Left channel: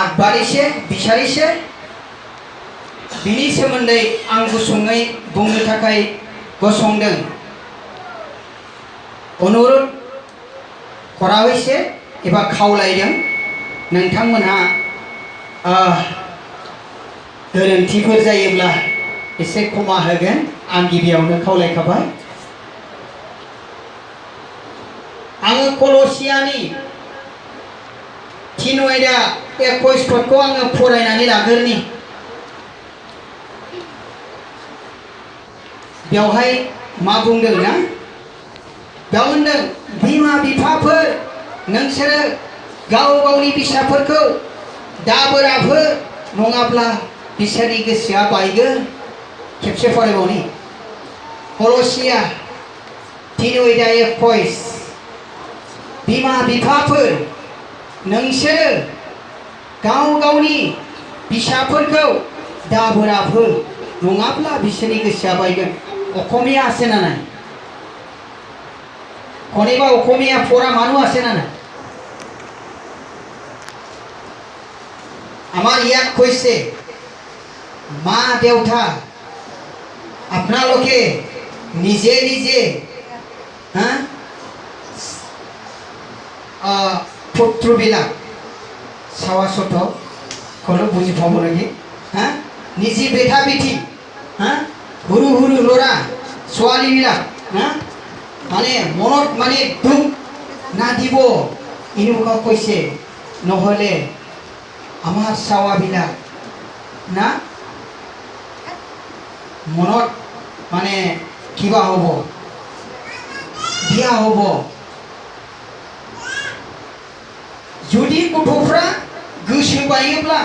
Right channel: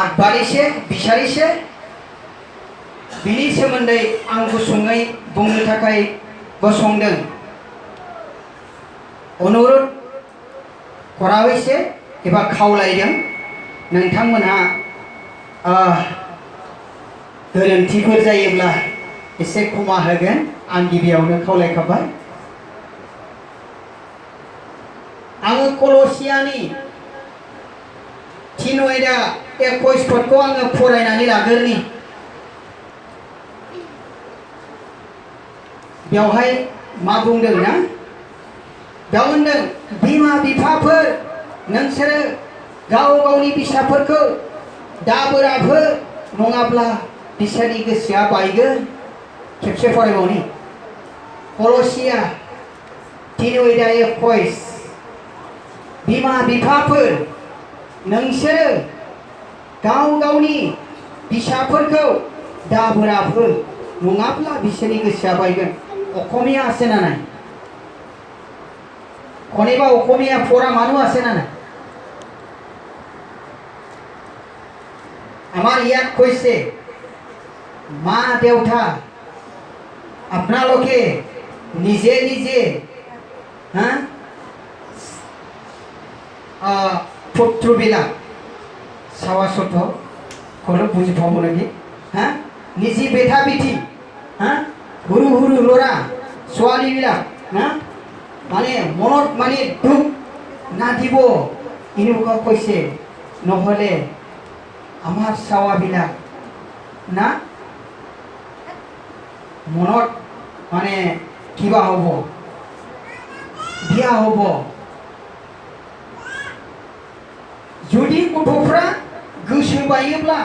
आगबारिसे बिसारिसे बिनि सोमोन्दै आं गुसुङै बुंनो थाखाय गसंदों। अनुरोध करावैसे एबा खावलायदों नोंथांमोनहा गोरोन्थिफोर जायोब्ला एसे क्षमा होगोन आं गिबियावनो खावलायखाबाय। आङो कलसियानि 3:21 पदखौ आङो फरायनानै लाग्रोनि। बेवहाय मा बुंदों ना? बेयाव होनदों बिमा बिफाफोर नोंसोरो गाव गावनि फिसाफोरखौ दाबोराफो नङाब्ला बिसोरनि गोसोआ बायगोन। खेबसे फरायबावनि कलसिया 3:21 बिमा बिफाफोर नोंसोरो गाव गावनि फिसाफोरखौ दाबोराफो नङाब्ला बिसोरनि गोसोआ बायगोन। অসমীয়া আছে না নাই? কোনেবা অসমীয়া পড়া মানুষ আছে না নাই? আমার ইয়াত কৈছে মা দেউতা আপোনালোকে নিজে নিজে পুত্ৰবিলাক চাৱা চত কোনো বুজি পাব লাগে। নিজে বেটা বেটি हुरु हुरु लरा ছোৱালীবিলাক মানে মনত মানে দুখ নাদিব এনেকুৱা কৈছে। নহ'লে আমাৰ চাৱাবিলাক না মনত মানে কিবা হ'ব, বিয়া হ'ব। जुदि गथ'फ्रा गोसो बायोब्ला,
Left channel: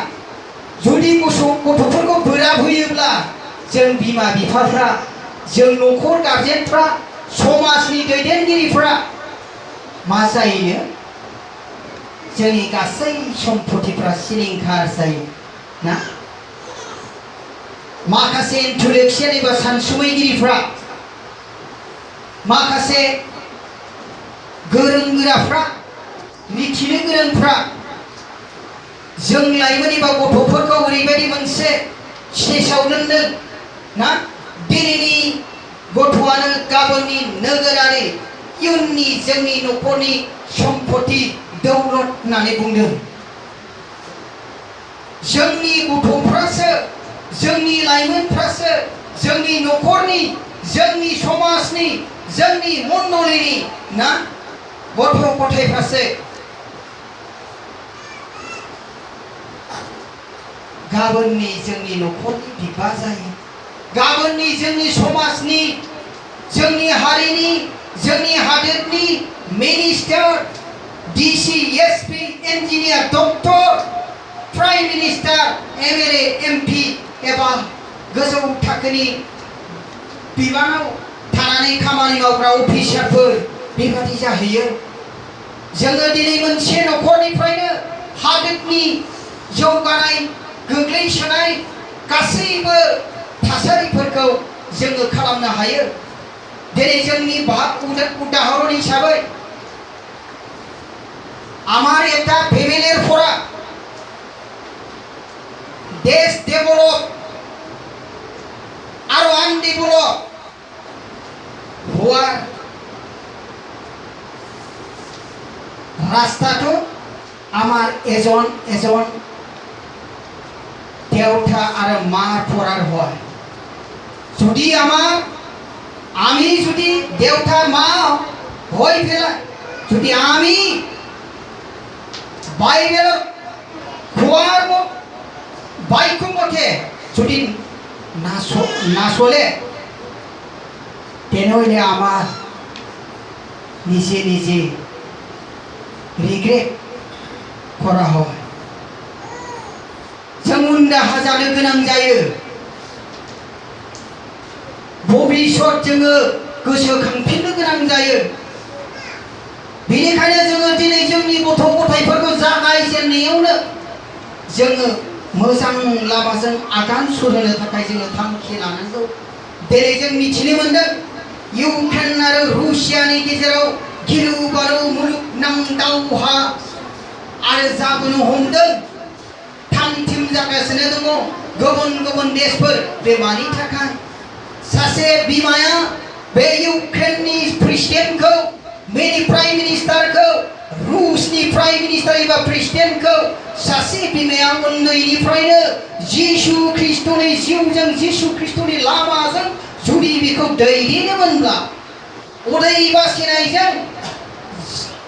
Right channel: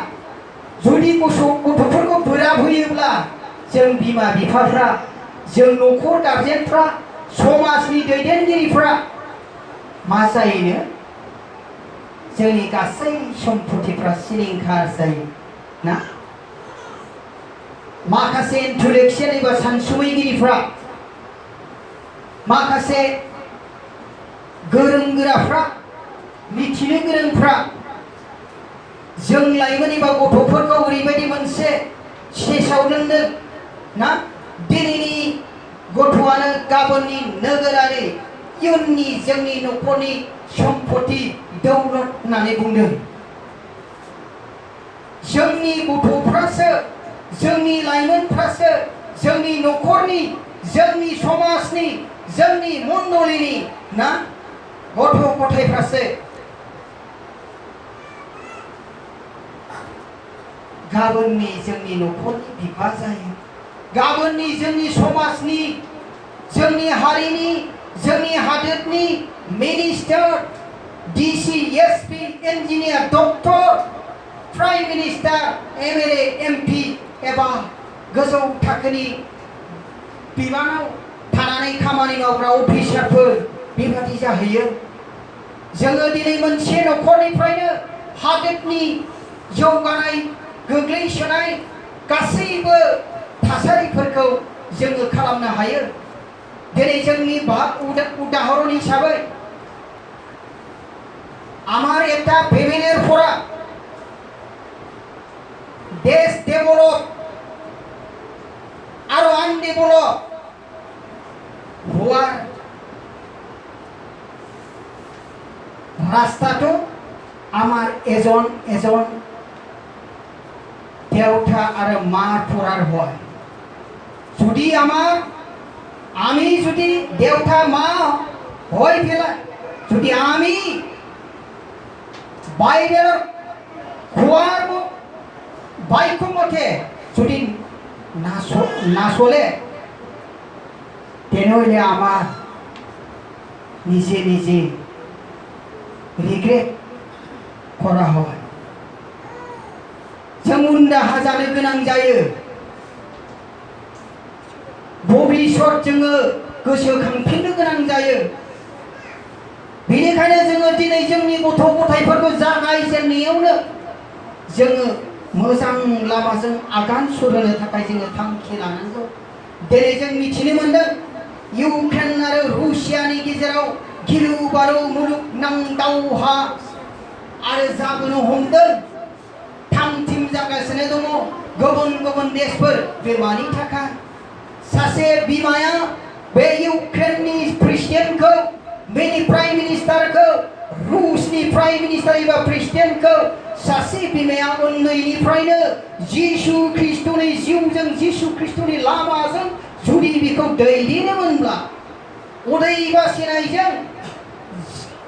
जुदि गथ'फोरखौ बोराब होयोब्ला जों बिमा बिफाफ्रा, जों न'खर गारजेनफ्रा, समाजनि दैदेनगिरिफ्रा मा जायो? जोंनि गासै सम्पथिफ्रा सिलिंखार जायो ना? माखासे इन्टेलेक्चुयेल एबा सानसुमैगिरिफ्रा, माखासे गोरों गोराफ्रा, मिथिनो गोरोंफ्रा जों लाइमोन एबा गथ'फोरखौ ओरैबायदि मोनसे स्टेजआव दोनदों ना दिनैनि गथ'आनो गाबोननि नोगोरारि इयुननि जोंनि न'खरनि सम्पति दौलत होननानै बुंदों। जोंनि गथ'फ्रासो, जोंनि लाइमोनफ्रासो, जोंनि न'खरनि, जोंनि समाजनि, जोंनि मण्डलिनि ना गथ' गथायफ्रासो गाबोननि जोंनि न'खरनि बिफा जायो। गाबोननि जोंनि समाजनि, जोंनि हारिनि, जोंनि हादोरनि minister, DC, SP, engineer, doctor, prime minister, MLA, MP एबा गोजौ थाखोनि बिबानाव थानानै खामानि मावग्रा अफिसारफोर बेबादि जाहैयो। जोङो दिनै मोनसे न'खरनिफ्रायनो हादोरनि जौगानाय गोग्लैसोनाय गासैबो थासारिफोरखौ जोङो खालामनो हायो। दिनै जोंनि उदाहरণ हिसाबै আমার একটা ফ্যামিলির পড়া দেশ ডেভেলপ আর আনডেভেলপ হওয়ার রাস্তাটো আমার এজন এজন দেউতা আর মার পড়ার হয়। যদি আমি যদি দেউতা মা হয়ে ফেলা, যদি আমি বাইবেল খোয়ার বাক্য মতে যদি না চলে তেনেহলে আমার নিজে নিজে রিগ্রেট করা হয়। जों उनदाहा जानो गोनां जायो। भबिष्यत जोङो गोसोखांफिननो गोनां जायो। बेनिखायनो जोङो दिनै जोंनि गथ' गथायफोरखौ जागायजेननायावनो जोङो मोजां लामाजों आगान सुरहोनो थाखाय जोङो थांखि लानांगौ। दिनै जों मिथिनो मोनदों इउक्रेन आरो रुसियानि गेजेराव गिलु बालु मुलुगनां दावहा आरो जाबोनो हमदों। जागासिनो दङ गुबुन गुबुन देशफोर बे मानि थाखाय सासे बिमाया बे इउक्रेननि प्रेसिडेन्टखौ बेनि प्राइम मिनिस्टारखौ रुसनि प्राइम मिनिस्टार एबा प्रेसिडेन्टखौ सासे बिमाया उन्दैनिफ्रायनो जिसु ख्रिस्टनि जिउजों जिसु ख्रिस्टनि लामाजों जुदि बेखौ दैदेनोमोनब्ला उदै बासिनायजों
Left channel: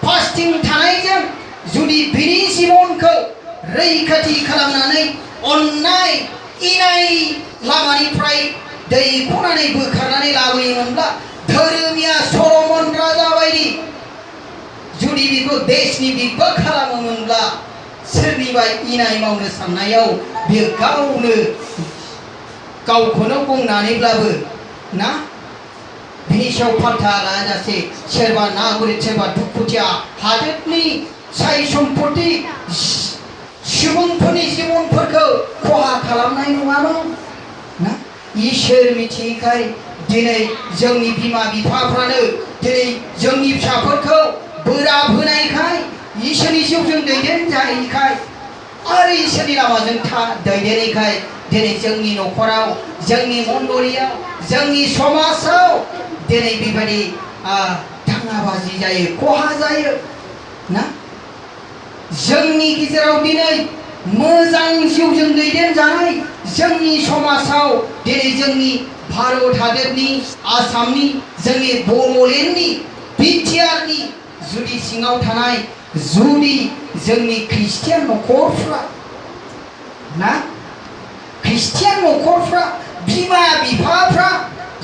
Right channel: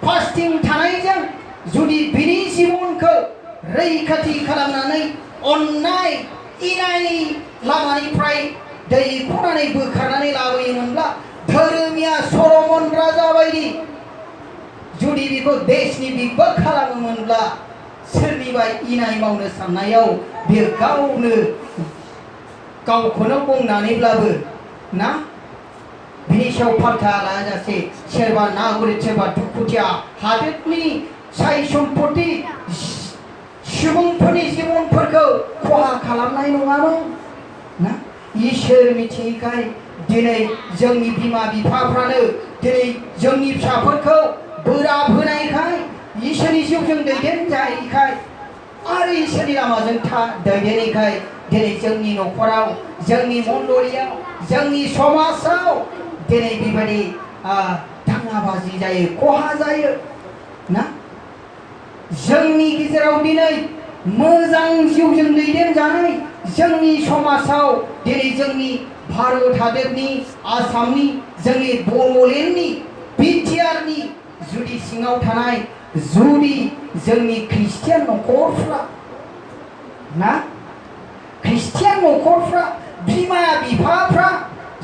फास्टिं थानायजों जुदि बिनि जिबनखौ रैखाथि खालामनानै अननाय इनाय लामानिफ्राय दैख'नानै बोखारनानै लाबोयोमोनब्ला धोरोमिया सलमन राजा बायदि जुदि बेखौ देशनि बिगबा खालामोमोनब्ला सोरनिबा इनाय मावनो साननायाव बियो गावखौनो बुंनानैब्लाबो ना बिनि सायाव फाल्था लाजासे सोरबा नागरिक सोरबा दुखुथिया हादोरनि साय सम्पति सुबुंफोरनि जिबनफोरखौ खहा खालामनाय नङामोन ना इसोर मिथियैखाय दिनै जोंनि बिमा बिफाफ्रानो दिनै जोंनि फिसाफोरखौ बोराब होनायखाय इसोरनि जिउजों दैदेनजायैखाय आरो इसोरनि लामाजों दैदेनैखाय दिनै जोंनि न'खराव जोंनि मण्डलियाव जोंनि समाजाव दिनै बेबायदि दाङाबाजि जायो खहा जायो ना जोंनि गेजेराव दिनै मोजां जिउजों दैदेनजानाय जोंनि समाजाव दिनै जोंनि भारत हादरनि आसामनि जोंनि बड'लेण्डनि बिटिआरनि जुदि सिङाव थानाय जुदि जोंनि ख्रिस्टियान न'खरफ्रा ना ख्रिस्टियान न'खरफ्रा बिमा बिफाफ्रा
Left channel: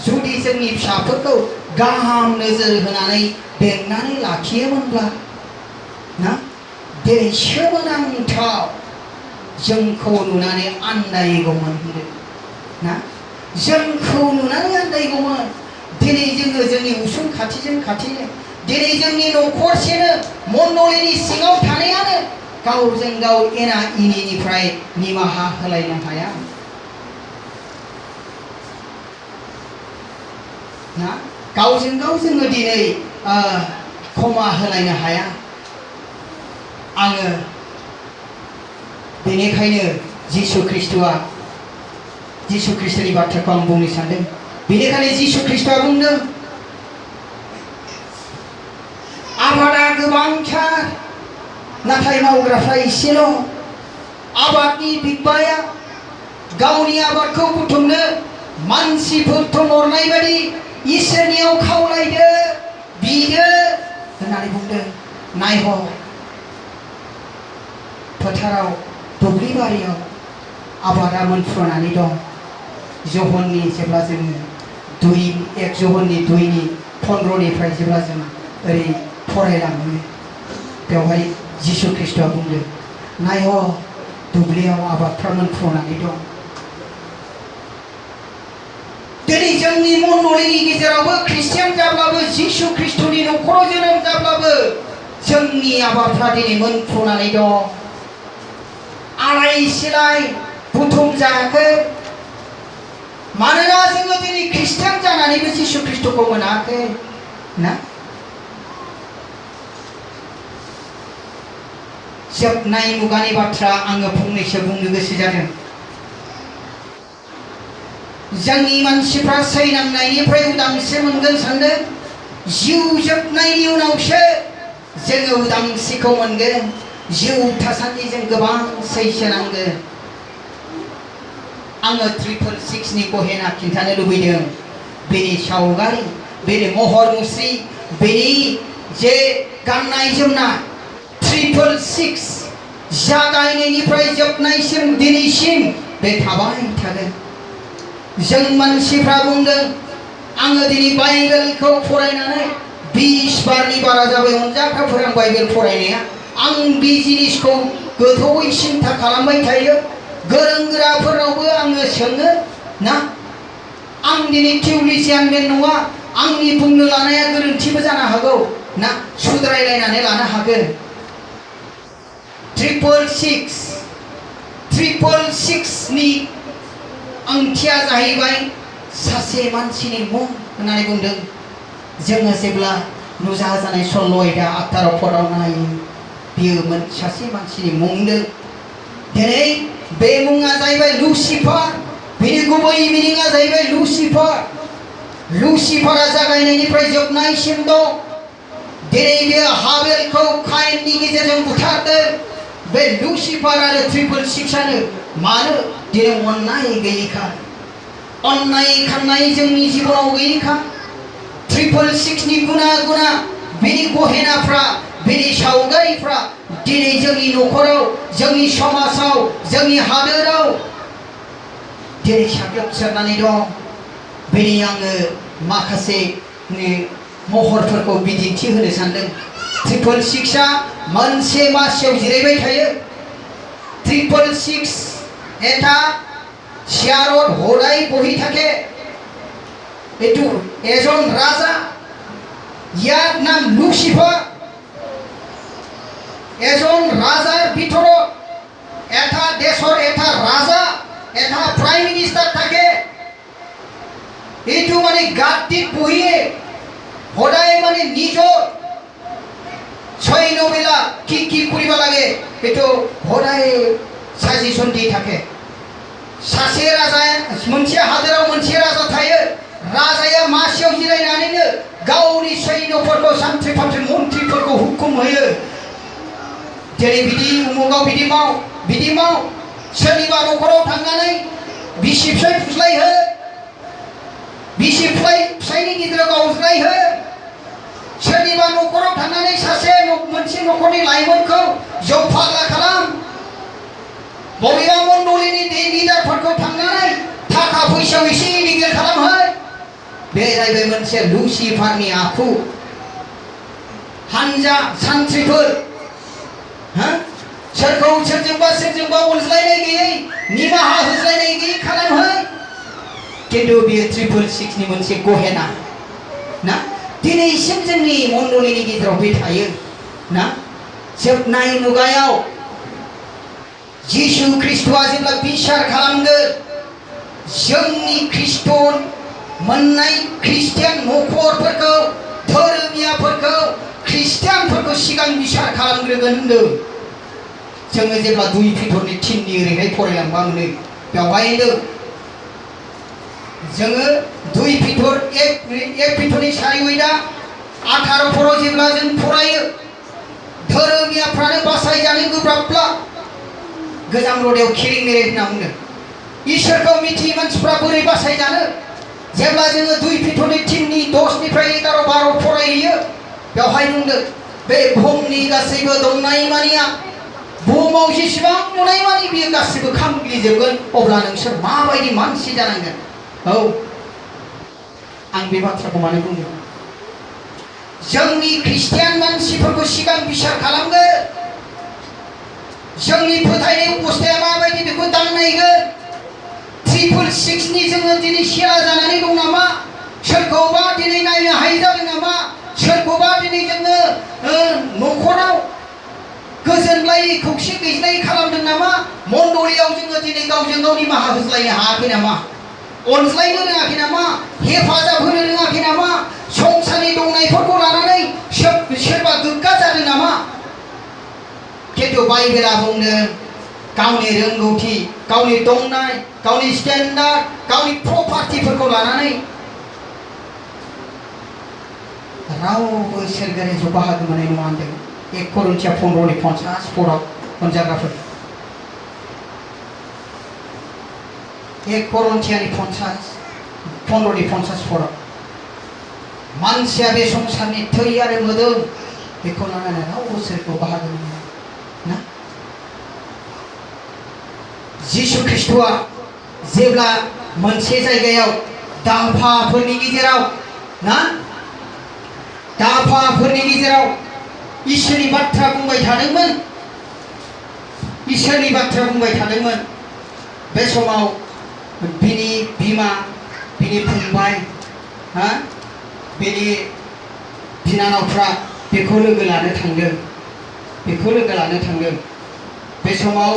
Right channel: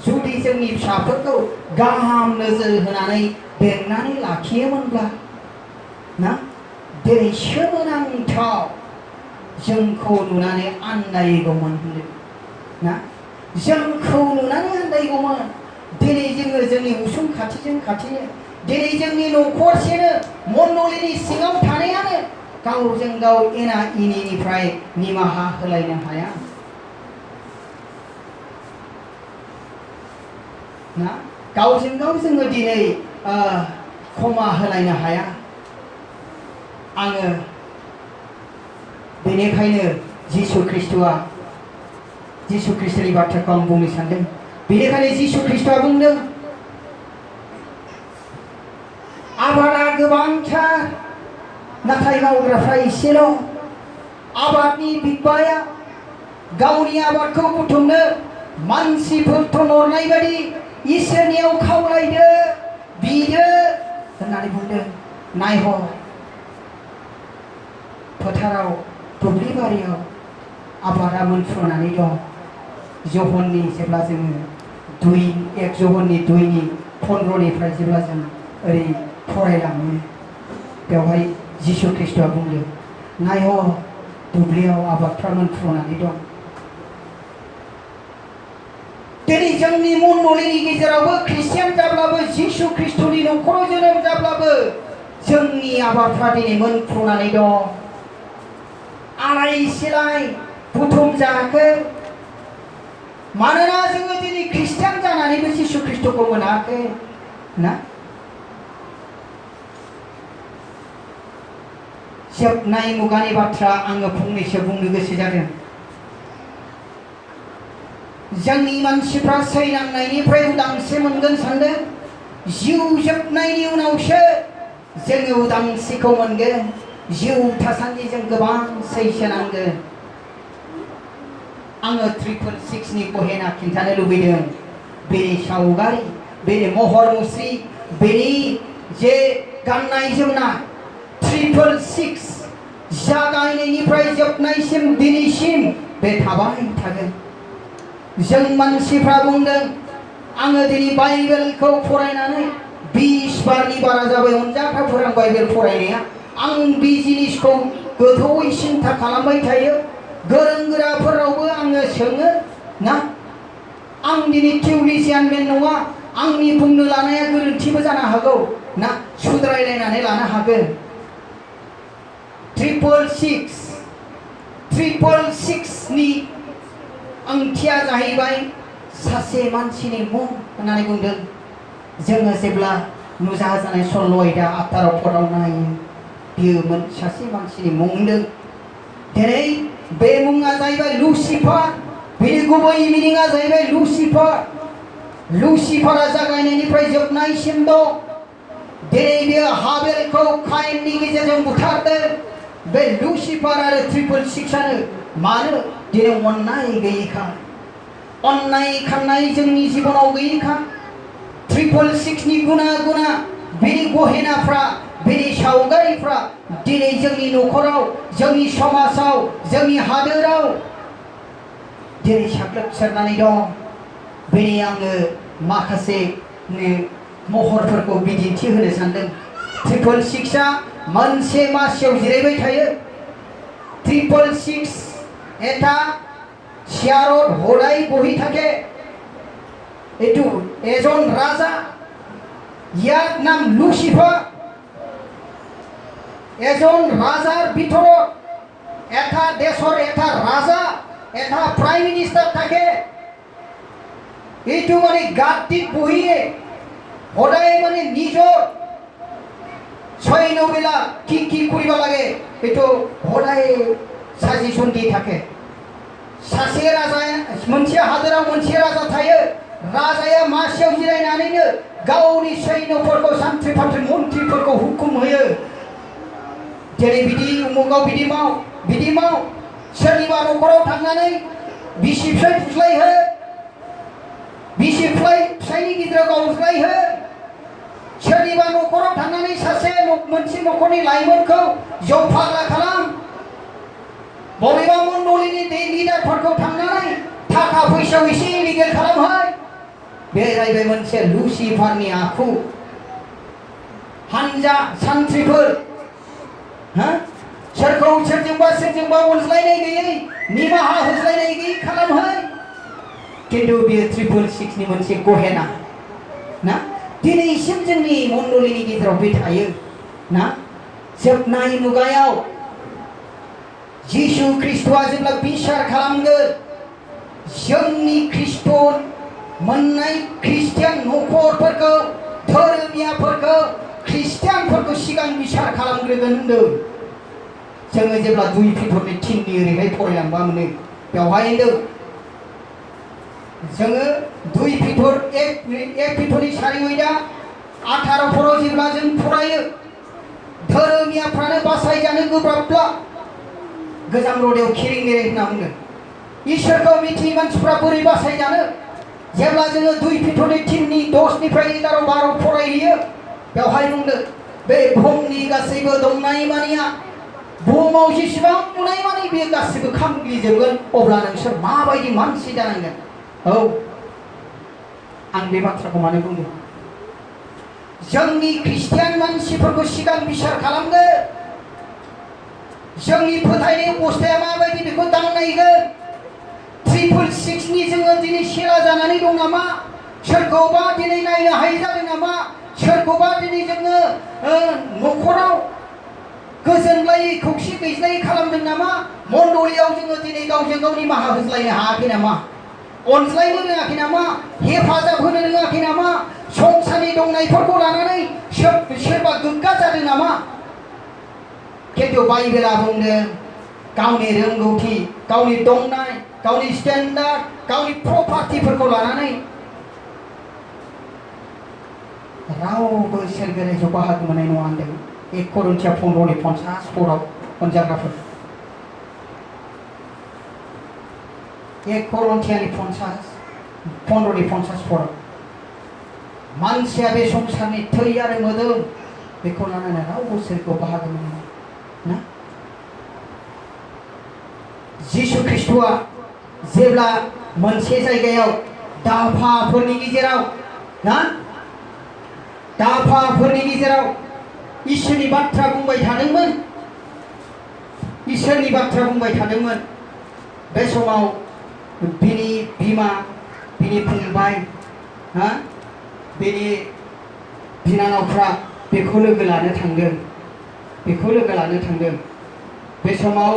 जुदि जोंनि फिसाफोरखौ गाहाम नोजोर होनानै बेंनानै लाखियोमोनब्ला ना दिनै सोमोनांथाव जोंखौ नुनानै आन्दायगौमोन ना जोंखौ नुनानै आन्दायगौमोन दिनै जोङो जोंनि उसुं खाथिजों खाथि दिनै जोंनि न'खरसेनो मण्डलिनि सिङाव थानायानो गावजों गाव एना एनिनिफ्राय निमाहा होलायनो हाया ना गावजों गाव जोङो दिनै क्षमा होलायनो हाया आङो बेनिखायनो जिसु ख्रिस्टनि बाथ्राखौ आं बुंनो सानदों बेनिखायनो जिसु ख्रिस्टआ बुंदों आबादा गोबांथार नाथाय मावग्राफ्रा एसेल' आबादनि बिगोमाया गावनि आबादखौ बुथुमनो मानसिफोर थोनहरनाय बायदि इसोरनियाव खावलायदो बिदो होननानै बुंदों नायह फोथाराव दुब्लि बारियाव आबादा मोनफ्रुनानै दं जहननि जेब्ला जोङो 1 जहननि 2:15 जेब्ला जों ओरै फरायलाङो बेवहाय जिसु ख्रिस्टआ बुंदों नायह दुब्लियाव आबादफ्रा मोनफ्रुनानै दं दिनै जोंनि मण्डलिनि गेजेरावबो ख्रिस्टियान जाब्लाबो जिसु ख्रिस्टनि न'खराव जोनोम जाब्लाबो जोंनि आबादफ्रा दिनै मोनफ्रुनानै दं आलाय सिलाय बुथुम जायाखै मानोना जोङो दिनै ख्रिस्टियान जानानैबो जिसु ख्रिस्टखौ मोनाखै ना जोबनाय मुगानि बाथ्रा आङो फंनैसो बुंनो गोसो जादों जोंनि मानसिफ्रा सैनांनायनिफ्राय उदांस्रि मोनगोन सानदों जिउ जोबनायनि उनावसो जोङो उदांस्रिखौ मोनगोन जिउ थासान्दि जों गोबां सैसोनांगोन आङो 666 नि गहेना खिन्थानो लुबैदों बेनि सावगारि बेनि महर मुस्रि बेनि जे गाननाय जोमनाय 666 जागायनायनिफ्राय जोबनायसिम दिनैसिम बे थाबाय थागोन जों मानसिफ्रा बुंदों आङो दिनै बाइबेलखौ फरायनानै 20 बारनि बारा जाबाय मोनजाफ्राफोर आं बाइबेल फरायनाया आं बे जिनिसखौ गोथौयै सिन्था खालामबाय थायो गोरों गोराफोरावबो आङो सोङो ना आं दिनै थिउरिजियानमेन नङा आंनि बुंनो लानाया गोरोन्थिबो जानो हागौ ना सुद्रायलायनानै लानो हागोन 666 नि ओंथिया जाहैबाय सासे मानसिनि मुं होननानै बुंदों जोङो जेब्ला नुजाजानाय सल' आयदा 18 पदाव नायो बियो सासे मानसिनि मुं दिनै बे मुङा जाहैबाय लुसिफार बिनि गुबै मिनिङा जाहैबाय लुसिफार लुसिफारा जागायनायनिफ्राय जोबनायसिम दं दिनै बियो हाबेलखौ कायेननि गेजेरजों बुथारदों बे लुसिफार आरो 666 आनो मानो दिनै अननाय गैयैखाय अननाय खालामनाय जोंनि जिबनाव गैयैखाय 666 नि गुना बिनि गहेनाफ्रा बिनि सावगारिफ्रा दिनै जोंनि न'खराव जोंनि समाजाव जोंनि हादोराव दिनै साग्लोबसारनानै दं बेनि आङो माखासे महरफोरखौ बिदिन्थि होनो सानदों 666 आ मोनसे मासियाव जिरायबाय थायो 666 এটা চেয়ারত হোলাই বহি থাকে এটু এজন রাজা ইয়ার নাম লুসিফার এজন রাজার ভিতৰত এটা দেশৰ এটা রাজা এটা প্ৰাইম মিনিষ্টাৰ থাকে এইটো মানে গাদ্দিত বহিয়ে সদায় মানে নিজৰ সৈন্যবেলা কি কৰিব লাগে এইটো সদায় সাজেশন দি থাকে सासे राजा मोनसे हादोराव मोनसे राजा थायो राजाया मासियाव जिरायनानैनो गावनि सैन्यफोरखौ सान्थ्रि फान्थ्रि मन्थ्रिफोरखौ हुकुम होयो जेरै बिदि उमुगाव बिदि माव सोरनिबा न'खराव थांनानै बिसि फिसाय फुस्लायहो बिसि फिसायनि गेजेराव गावज्रायहो सोरनिबा न'खराव थांनानै सासे मोनसे न'खरनि लाइमोनखौ जौ फाग्ला खालाम बबेबा मण्डलिनि लिडारफोरखौ थांनानै थाखा फैसायाव एसे इलिगेल खालामहो बे जाहैबाय मोनसे लुसिफारनि आखु हानजा सान्थ्रिफोर सोरखौ सोरजोंबा अनज्लायनाय गैयै निमाहा होज्लायनाय गैयै खालामहो खिन्थु बेयो 666 नि मोनसे गहेना ना दिनैसिम जोंनि मण्डलिनि गेजेराव बे थायो ना जोबनाय मुगायाव जिसु ख्रिस्टआ जेब्ला बिसार खालामगोन जोंनि ख्रिस्ट मोननाय ख्रिस्टियान न'खरफोरखौ धोरोमियाफोरखौ ख्रिस्टियानफोरखौ सिगां बिसार खालामग्रोगोन होनदों जोङो जेब्ला 2 पिटरनि 3 नि ओरैहाय फरायलांबा मोनो बेवहाय होनदों जोङो 2 पिटर 1 पिटरनि 4:8 18 फोराव जेब्ला जों फरायो धोरोमियाफ्रानो बासायजानो गोब्राबब्ला गोजाम रदायाव खेरें मेरें होनना बुंदों इसोरखौ मिथियै मानसिफ्रा बोरै बासायजानो जेब्ला जोङो 2 पिटरनि 3 नि 10 निफ्राय 11 12 फरायहैयो बेवहाय बुंदों बे बुहुमनि गासैबो दंनाय मानिया बुहुमाव जेसेबां नुनाय मानि बेयो गासैबो खामग्लिजोबगोन अब्ला नोंसोर माबायदि मानसि जानांगोन औ आं बे बाथ्राखौ मानो बुंदों जोंनि ख्रिस्टियान मानसिफोरखौ सिगां बिसार खालामगोन जोंनि फोथायनाय अबस्थाया माबायदि बेखौ दांनायगोन 666 नि जोङो दिनै सेरा जानानै दं नामा सोरखौबा दिनै नायनो हायै जादों नामा सोरखौबा दिनै जोङो न'खराव गोजोनलायै खौसे गैज्लायै खालामदों नामा मण्डलियाव जोङो दिनै गावजों गाव निमाहा होज्लायनो हायाखै नामा अनज्लायनो रोङाखै नामा हेफाजाब होनो रोङाखै नामा संसारनि दंनायफोरखौ लानानै सोरबा गोग्गा जादों नामा खिन्थु बाइबेला बुंदों गावनि रोंगौथि गावनि दंनाय गावनि स्टेन्डार्ड गावनि प्रपार्टिफोरखौ लानानै रावबो सोरगोआव बाहागो मोननाय नङा होनदों 1 करिन्थिया 15 50 फोराव अनजाग्राफोर 1 करिन्थियानि 50 15 50 फोराव मानसिया बे संसारनि थै आरो मोदोम बेखौ लानानै रावबो सोरगोआव बाहागो मोना ना जिसु ख्रिस्टआ जेब्ला मोनसे जायगायाव दाफाफोरनि गेजेराव ना दाफाफोरनि गेजेराव इसोरनि बाथ्रा बुंबाय थादोंमोन बे समाव बिनि बिमा बिनि फंबाय बिनि बिनानावफ्रा बेखौ लोगो लानो थांदों बे समाव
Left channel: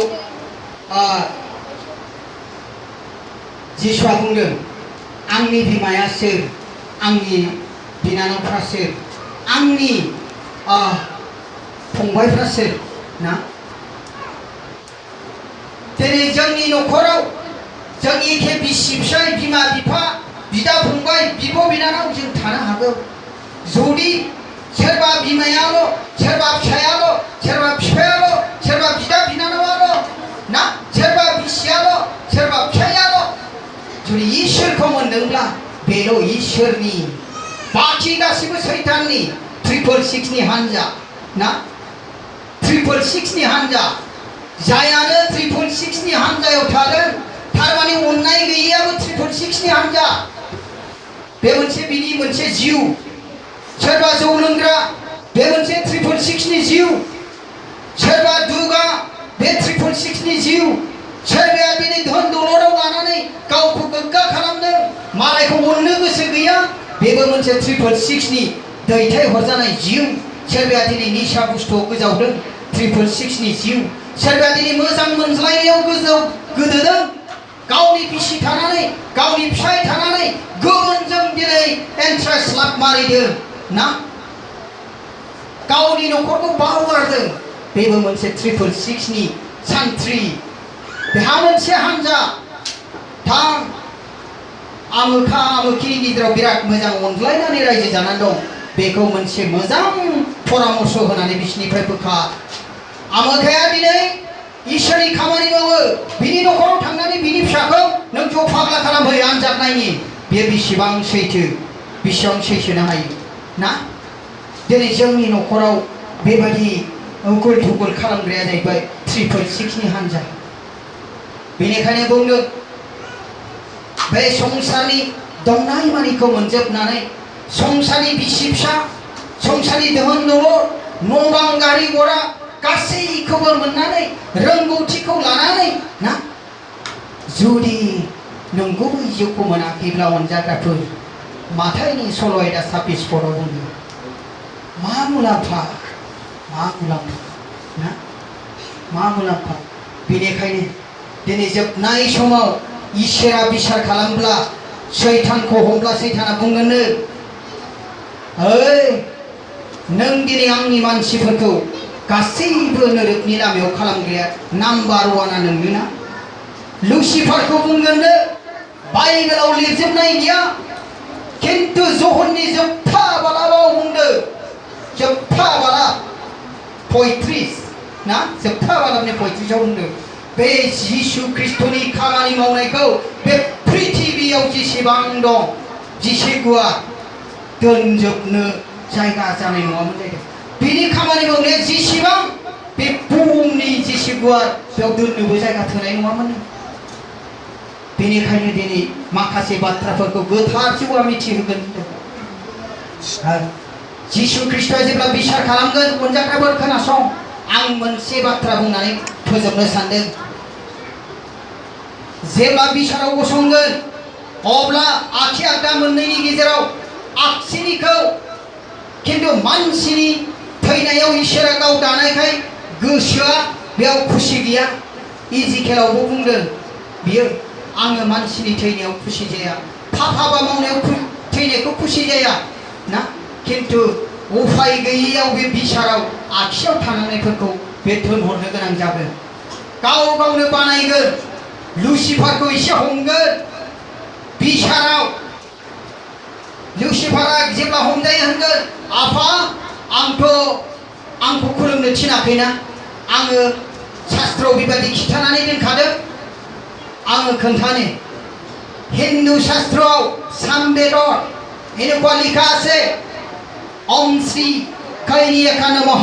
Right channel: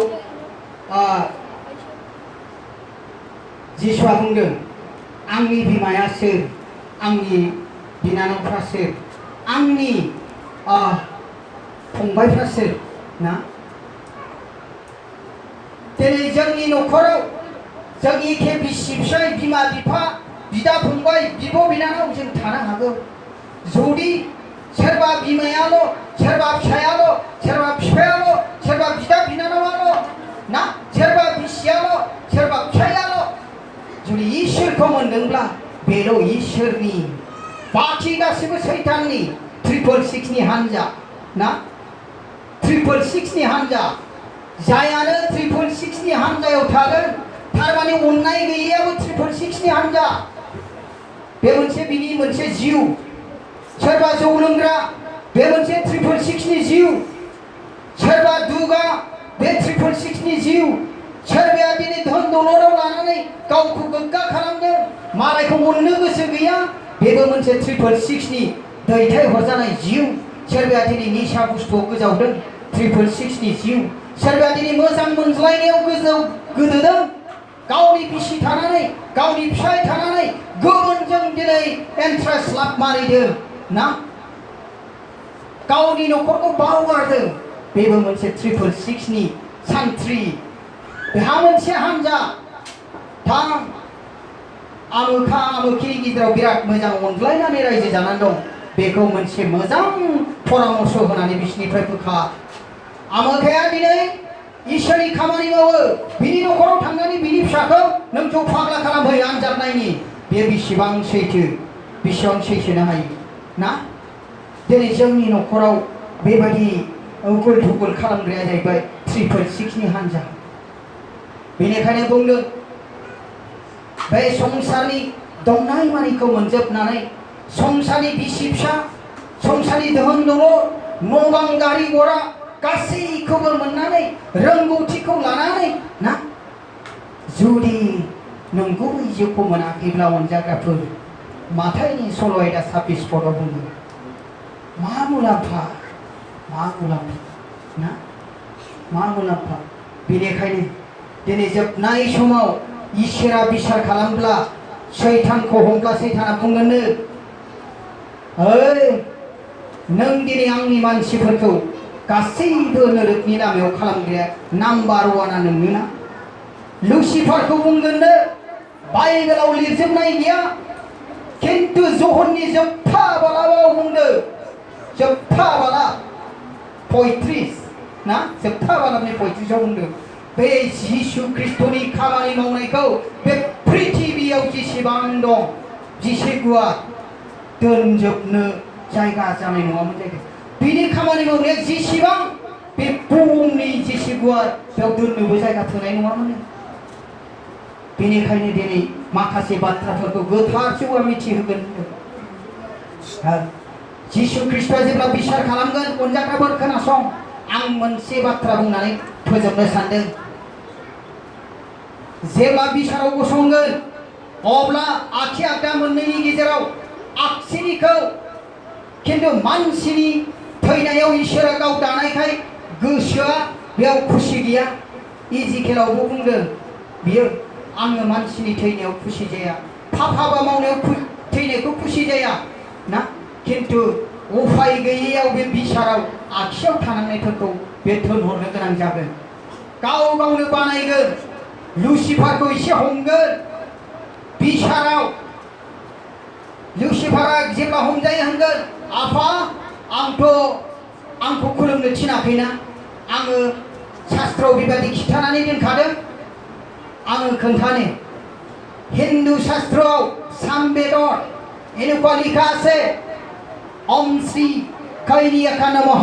जिसुआ बुंदों आंनि बिमाया सोर आंनि बिनानावफ्रा सोर आंनि फंबायफ्रा सोर ना बे दिनै जोंनि न'खराव जों एखे बिसि फिसाय बिमा बिफा बिदा फंबाय बिब' बिनानाव जों थानो हागौ जुदि सोरबा बिमायाल' सोरबा फिसायाल' सोरबा बिफायाल' सोरबा बिदा बिनानावाल' ना सोरबा बिसियाल' सोरबा फिसायाल' जुदि इसोरखौ मोनदोंब्ला बेल' इसोरनि बाखि गासिबो सैताननि 666 नि हान्जा ना 666 नि हान्जा जायानो 666 नि हान्जायाव थादों थारमाने अननाय गैयैयाबो 666 नि हान्जा बे मोनसे बिनि मोनसे जिउ सोरबा जौ लोंग्रा बे मोनसे 666 नि जिउ सोरबा दुगा बे 666 नि जिउ सोरबाया दिनै धन दौलताव लानानै गावखौ गोग्गा खालामदों मालायखौ अननो गोसो गैया बेबो मोनसे 666 नि दैथायहरजानाय जिउ सोरबाया दिनै निसा बुस्थुआव गोजावदों 666 नि जिउ सोरबाया दिनै मोजां मोनज्लायनायाव गोदोदों गावनि बिसि थानानै गावनि फिसाय थानानै गुबुनजों दिनै इन्ट्रेस्ट लाब मारिदों ना गावनि न'खरखौ बावगारदों बेबो मोनसे 666 नि सान्थ्रि बेहा मोनसे हान्जा थां आमोखा आमोखिनि गेजेराव बिराद मोजां अनज्लायनानै रायजो जानानै दं बेखौ मोनसे मोजां परामर्श होनानै बिसिनिफ्राय बोखा आमोखाया दिनै इसोरनि खामानि मावो बिनि न'खराव थांनानै बिनि फिसाखौ नों ज' फाग्ला खालामहै आनजाद नायनि बे बेसेबां सैथो बेसेबां सैसोनो हायो ना दिनै जोंनि न'खराव बेबायदि उगुल थुगुल खालामग्राया जाहैबाय 666 नि हान्जा बेनिखायनो बुंदों बे संसारनि दंनाय मानिखौ मोनजोबनानै संसारनि बिसि फिसा संसारनि दोहोन दौलत न' बां गारि घोड़ा गासैखौबो मोननानै रोंगौथिखौ लानानै ना जुदि नंगुबै जिउखौ मोनाखैब्ला अनजाग्राफोर माथाइनि सल' आयदा 26 पदआव बुंदों मा मुलाम्फा ना मा मुलाम्फा बेनिखायनो दिनै जोबनाय समाव इसोरा बिसार खालामब्ला सैतानखौ हमब्ला सैताना बुंगोननो ओइ नों दिनै आंनि मानसिफोरखौ गासैबो नोरोखनि लामायाव खालामग्राया नाम्बार 1 नोंनोना लुसिफारखौ बुंगोननो बाइबेलाव लिरजोबनाय गैया खिन्थु जहरनि जोबथा बालाव बुंदों जोबथा बाला 35 ना जोबथा बालावनि 35 आव बुंदों बे जिसु ख्रिस्टनि खामानि मावनायखौ बे पृथिबियाव जेसेबां दं जेसे गुवार दोनजोबनो जायगा जानाय नङामोन जाहैदों बिनि खामानि मावनाया जेसेबां बे बुहुमनि जेसे गुवार बेयाव दोननोबो जायगा थोनाय नङामोन बेनिखायनो दिनै माखासे बाथ्राफोरखौ गोथार जिउआ मिथिहोगोन जिसु ख्रिस्टआ जेब्ला बिसार खालामगोन अनजाग्राफोर खोनासं आं मोनसे बाथ्रा बुंनानै फोजोबनो सानदों जेब्ला बिसाराव गसंगोन अब्ला आखि आगदा मोननैनि गेजेराव आगसिनिखौ खिन्थु मानसिनि थैनायाव इसोरा गाव दानायखाय गोसोआ बेयाव खुसि गैया इजिकेलावबो बुंदों बियो आङो मानसिनि थैनायाव खुसि जाया हाबा मावनायाव थैनायखौ खुसि जाया ना खिन्थु उफाय गैयैयाव बे बिसाराव आखियाव थानांनायफोरखौ बे दोनहरनो गोनां जागोन गाव गावनो बानायगोन लुसिफारखौ एसे हमगोन बिसाराव लुसिफारा जेब्ला हमजायो होनगोन आफा आंखौ खुलुमनो थिनाखैना आङो शास्त्रआव बेबायदि खिन्थानानै दोनखादों आङो खोन्थानो हिन्दु शास्त्रआव सामवेदत এনেকুৱা লিখা আছে ओम श्री कैरियाका नमः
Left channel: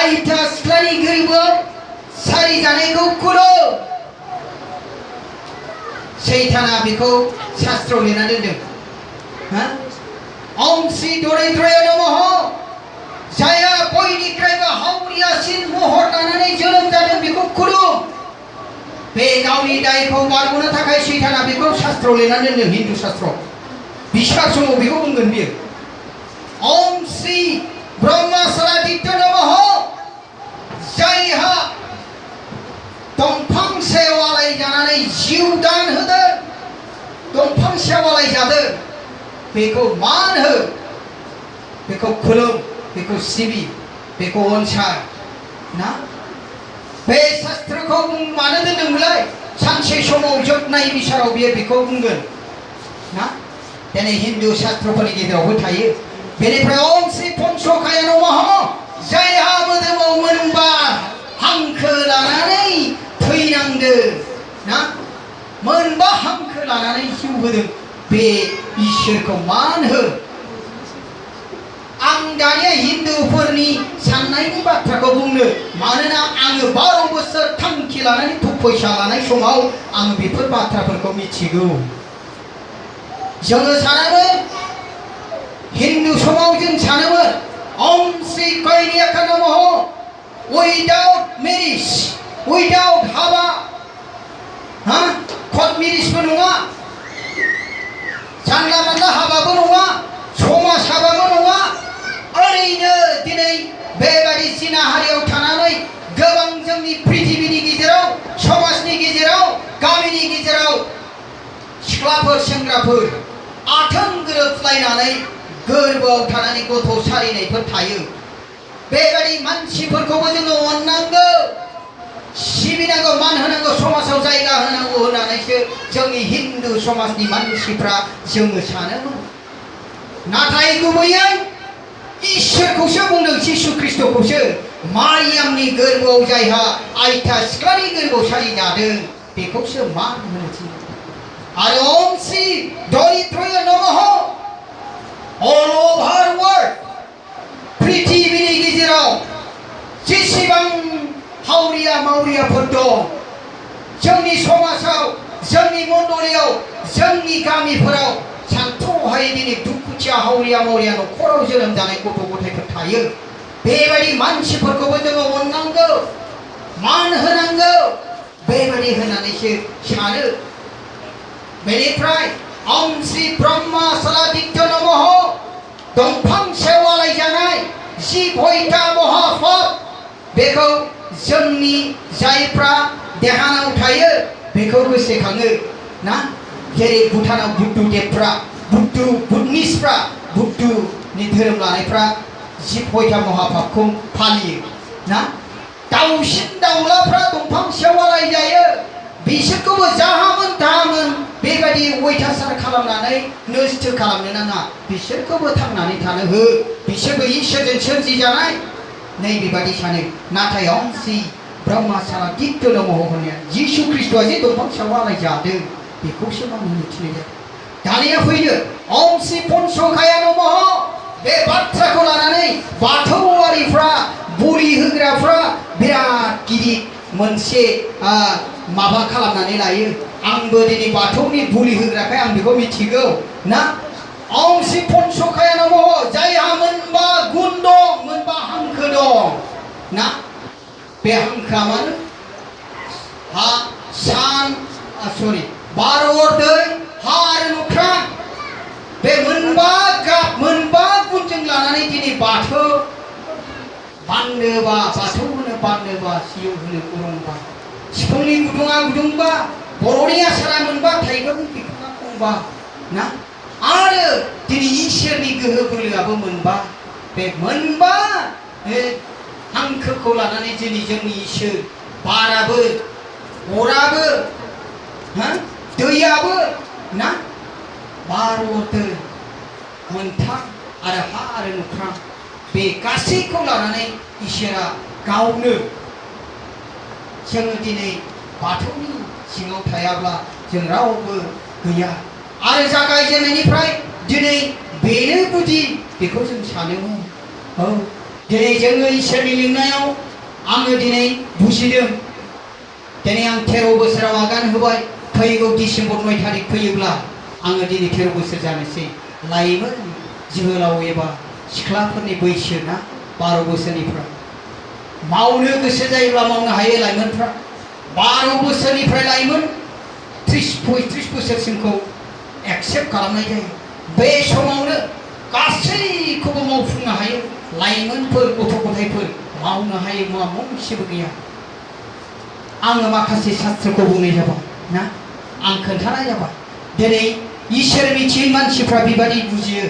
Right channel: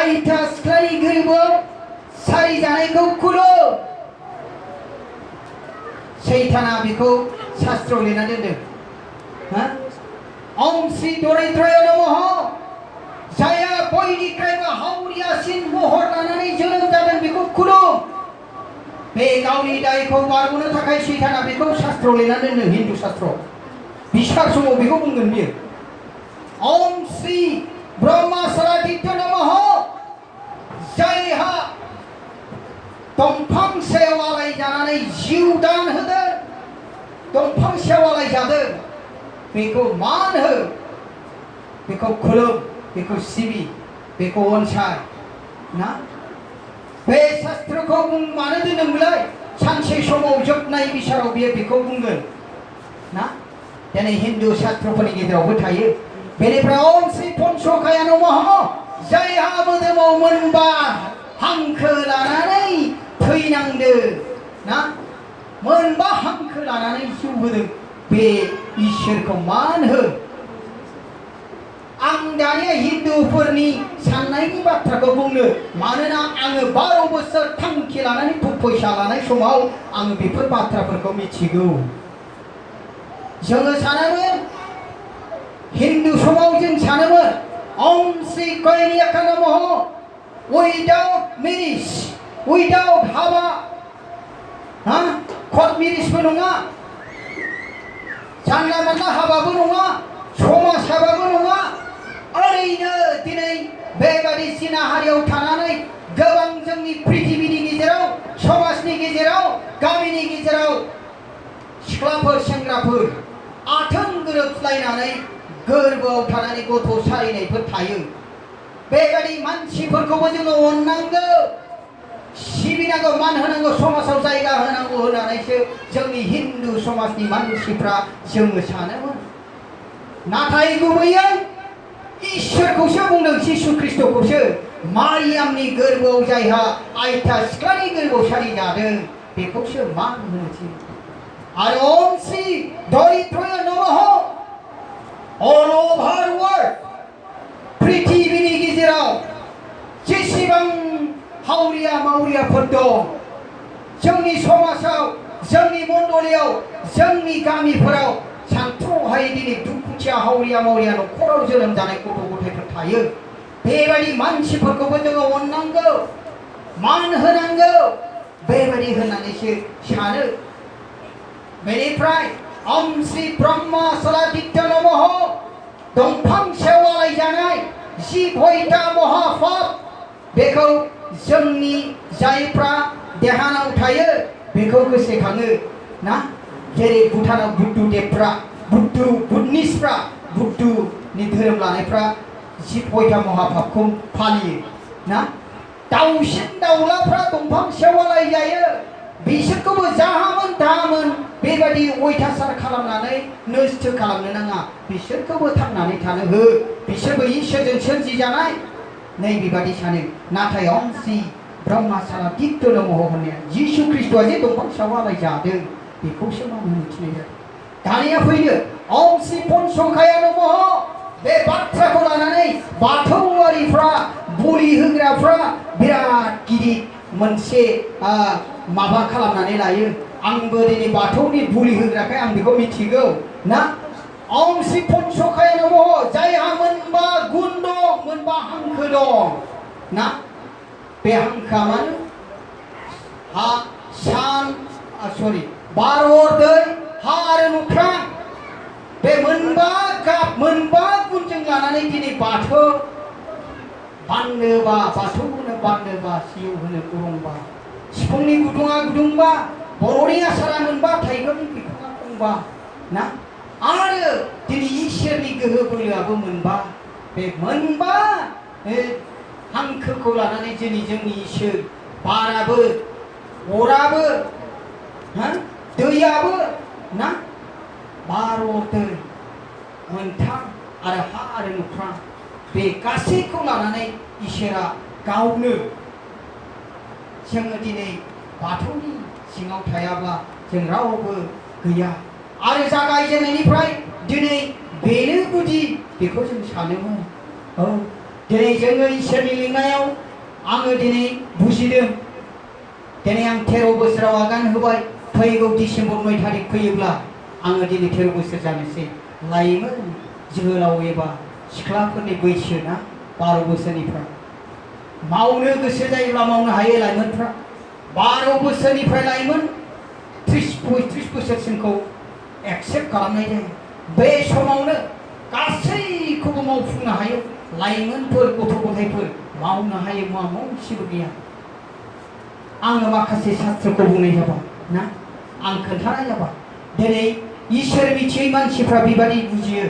आयथा सिख्लानि गोरबोआव सारि जानायखौ खुलुम सैताना बेखौ शास्त्रआव लिरना दोनदों ओम श्री दरिद्रय नमः जाया बयनिख्रुइबो हावरियासिन महर लानानै जोनोम जादों बेखौ खुलुम बे गावनि दायखौ बारग'नो थाखाय सैताना बेखौ शास्त्रआव लिरना दोनदों हिन्दु शास्त्रआव बिसार समाव बेखौ बुंगोन बियो ओम श्री ब्रह्मसरादित्य नमः जायहा दंफां सायाव आलाय जानानै जिउ दान होदों दंफां सायाव आलाय जादों बेखौ मान हो बेखौ खुलुम बेखौ सिबि बेखौ अनसाय ना बे शास्त्रखौ मानो दोनदोंमोनलाय? सानसे समाव जोबनाय बिसाराव बियो बेखौ बुंगोन ना। दिनै हिन्दु शास्त्रफोरनि गेजेरावबो थायो। बेनिफ्राय ओम श्री पंचकाया नमः, जायहा मोदोमाव मोनबा हांखो लानानै थैनांदो ना, मोनबा हांखो लानानै जिउ होदों, बे इसोरखौ मान हो। आं दानिया हिन्दुफोरनि साननायनि बाथ्राखौ बुंनो, मानोना आङो 12 बोसोर थांखि लानानै फैसा लानाय समाव आं बेफोर बाथ्राफोरखौ मिथिगौ। जोङो सानोमोन, हिन्दु समाव जों सानोमोन ओम श्री कौरंग नमः, उइदाउट मेरिज, उइदाउट हाबा, कर्ट मेरिजबो नङा, जानला मानला हाबाबो नङा, समाज हाबाबो नङा, ओरैनो दिनै बेबादि जिनाहारियाव थानानै गोबां जोंनि पृथिबीनि गेजेराव, समाजनि गेजेराव, गामिनि गेजेराव सिख्लाफोर सेंग्राफोर आथोन गोरोबलायनानै गोरबोआव थानानै गथ' सारिनायफोर थायो। बेबादि मानसिफोरखौबो जोङो अननांगौ, सिबिनांगौ, मान होनांगौ, समाजाव जायगा होनांगौ होननानैसो जोंनि हिन्दु समाजनि मानसिफ्रा जोङो सानोमोन। नाथाय गुबैयै इसोरखौसो बुंदों, जिसु ख्रिस्टखौसो। मारियामनि गोरबोआव जायहा आयथा सिख्लानि गोरबोआव सारि जादों, बेखौसो मान होनो थिनो। आरो ओम श्री दरिद्रय नमः, अल ओभार वर्ल्ड, पृथिबीनि गेजेराव जेसेबां हावरिया मावरियाफोर दं, जोंनि समाजाव, जोंनि मण्डलियाव, जोंनि गामिफोराव सानथ्र'हायै दिनै दुखुथिया हावरिया मावरिया न'खराव जोनोम जानाय गथ' गथायफोर थायो। बेबायदि मानसिफोरखौबो जोङो अननांगौ, मान होनांगौ, बेबायदि होननानैसो सानो। बेनिफ्राय ओम श्री ब्रह्म सलादित्य नमः, दंफां सायाव आलायजानाय 10 महापाप, बेखौ जोंनि जायफ्रा देहानाव थायो बेखौ गोसोखाङो ना। जेरै भुटानाव बुद्धदेबफ्रा, बुद्धनिसफ्रा, बुद्धनि धोरोम लानायफ्रा 10 महापापखौ फालियो ना। दाउसिन दाउलाफ्रा दंफां सायाव आलायजायो, बिसोरखौबो जाहामोन दाहामोन बेबायदि अयथासार खालामनानै नस्थ' खालामनो नाङा, बिसोरखौबो थांनानै थानो हो, बिसोरबो इसोरजों सोरजिजानाय, नै बेबायदि सानो। नाथाय ओम श्री ब्रह्म सलादित्य नमः होननाया जिसु ख्रिस्टआ जे दंफां सायाव आलायजादों बेखौसो मान होनो थिननाय जादों। दानिया फैदो ओम श्री पंचकाया नमः, बे बाथ्राखौ लानानै बाथौआरिफ्रा, बोलि होग्राफ्रा बिराद गिदिर मोनसे माबा खालामनानै लायो। आंबो दिनै बाथौनि बोलि होग्राखाय आं बेखौ मिथिगौ ना। ओम श्री पंचकाया नमः, जायहा मोनबा गुन दं, मोनबा हांखो दं ना। बे हांखोआ मानो? हा, सान, बार, अर, दै, हा आरो अख्रां, बे मोनबा गाब, मोनबा गुनजों लानानै दिनै बाथौ बाननोबा, बाथौ होनो बाननोबा, सिजौ होनो कोरंबा, सिफुंनि गुदुङा गुदुंबा, बर'नि आसारा मोनबा, थाइगरनि बिखुङा खंबा ना। आरो दिनै इसोरनि गोहो बोलोआबो मोनबा, बे मोनबा हांखोखौ लानानै दिनै जोंनि इसोर, बाराबो, अराबो, दैयाबो ना, बार, अर, दै मोनथाम आरो हा आरो अख्रां, बे गासैखौ लानानै इसोरा गावनो, जोङो दिनै बाथौनि सिङाव थायाब्ला जों रावबो गैया। आरो जागायजेननायनिफ्राय दिनै बेनो गुदि, बेखौ जों सानोमोन। औ, दिनै जोङो इसोरनि लिंनायाव आङो दिनै बुजिदों। दिनै आं 13 बोसोराव आगान होबाय। फैगौ डिसेम्बर 9 तारिख फैयोब्ला आङो दिनै 13 बोसोर जानोसै। लाइमोन जोहोलाव एबा सिख्लाफोरनि बैसो ना, 12 बोसोरनिफ्राय मावनो गोसो जायोब्ला मावनो हायो लाइमोनफ्रा। 12 बोसोरनिफ्राय लाइमोन 30-35 बोसोरसिमखौ एक्सेप्ट खालामनाय जायो। बे समावनो गासैखौबो मावफुंनो हायो। लाइमोनफोर, गथ' गथायफोर मावनो हायो, मा मोनसेबो गैया। आङो माखासे शास्त्रखौ बुंनाय जाबाय ना, आं खोन्थानाय जाबाय। दिनै इसोर मिथियै मानसिफ्रा बेबायदि बुजियो,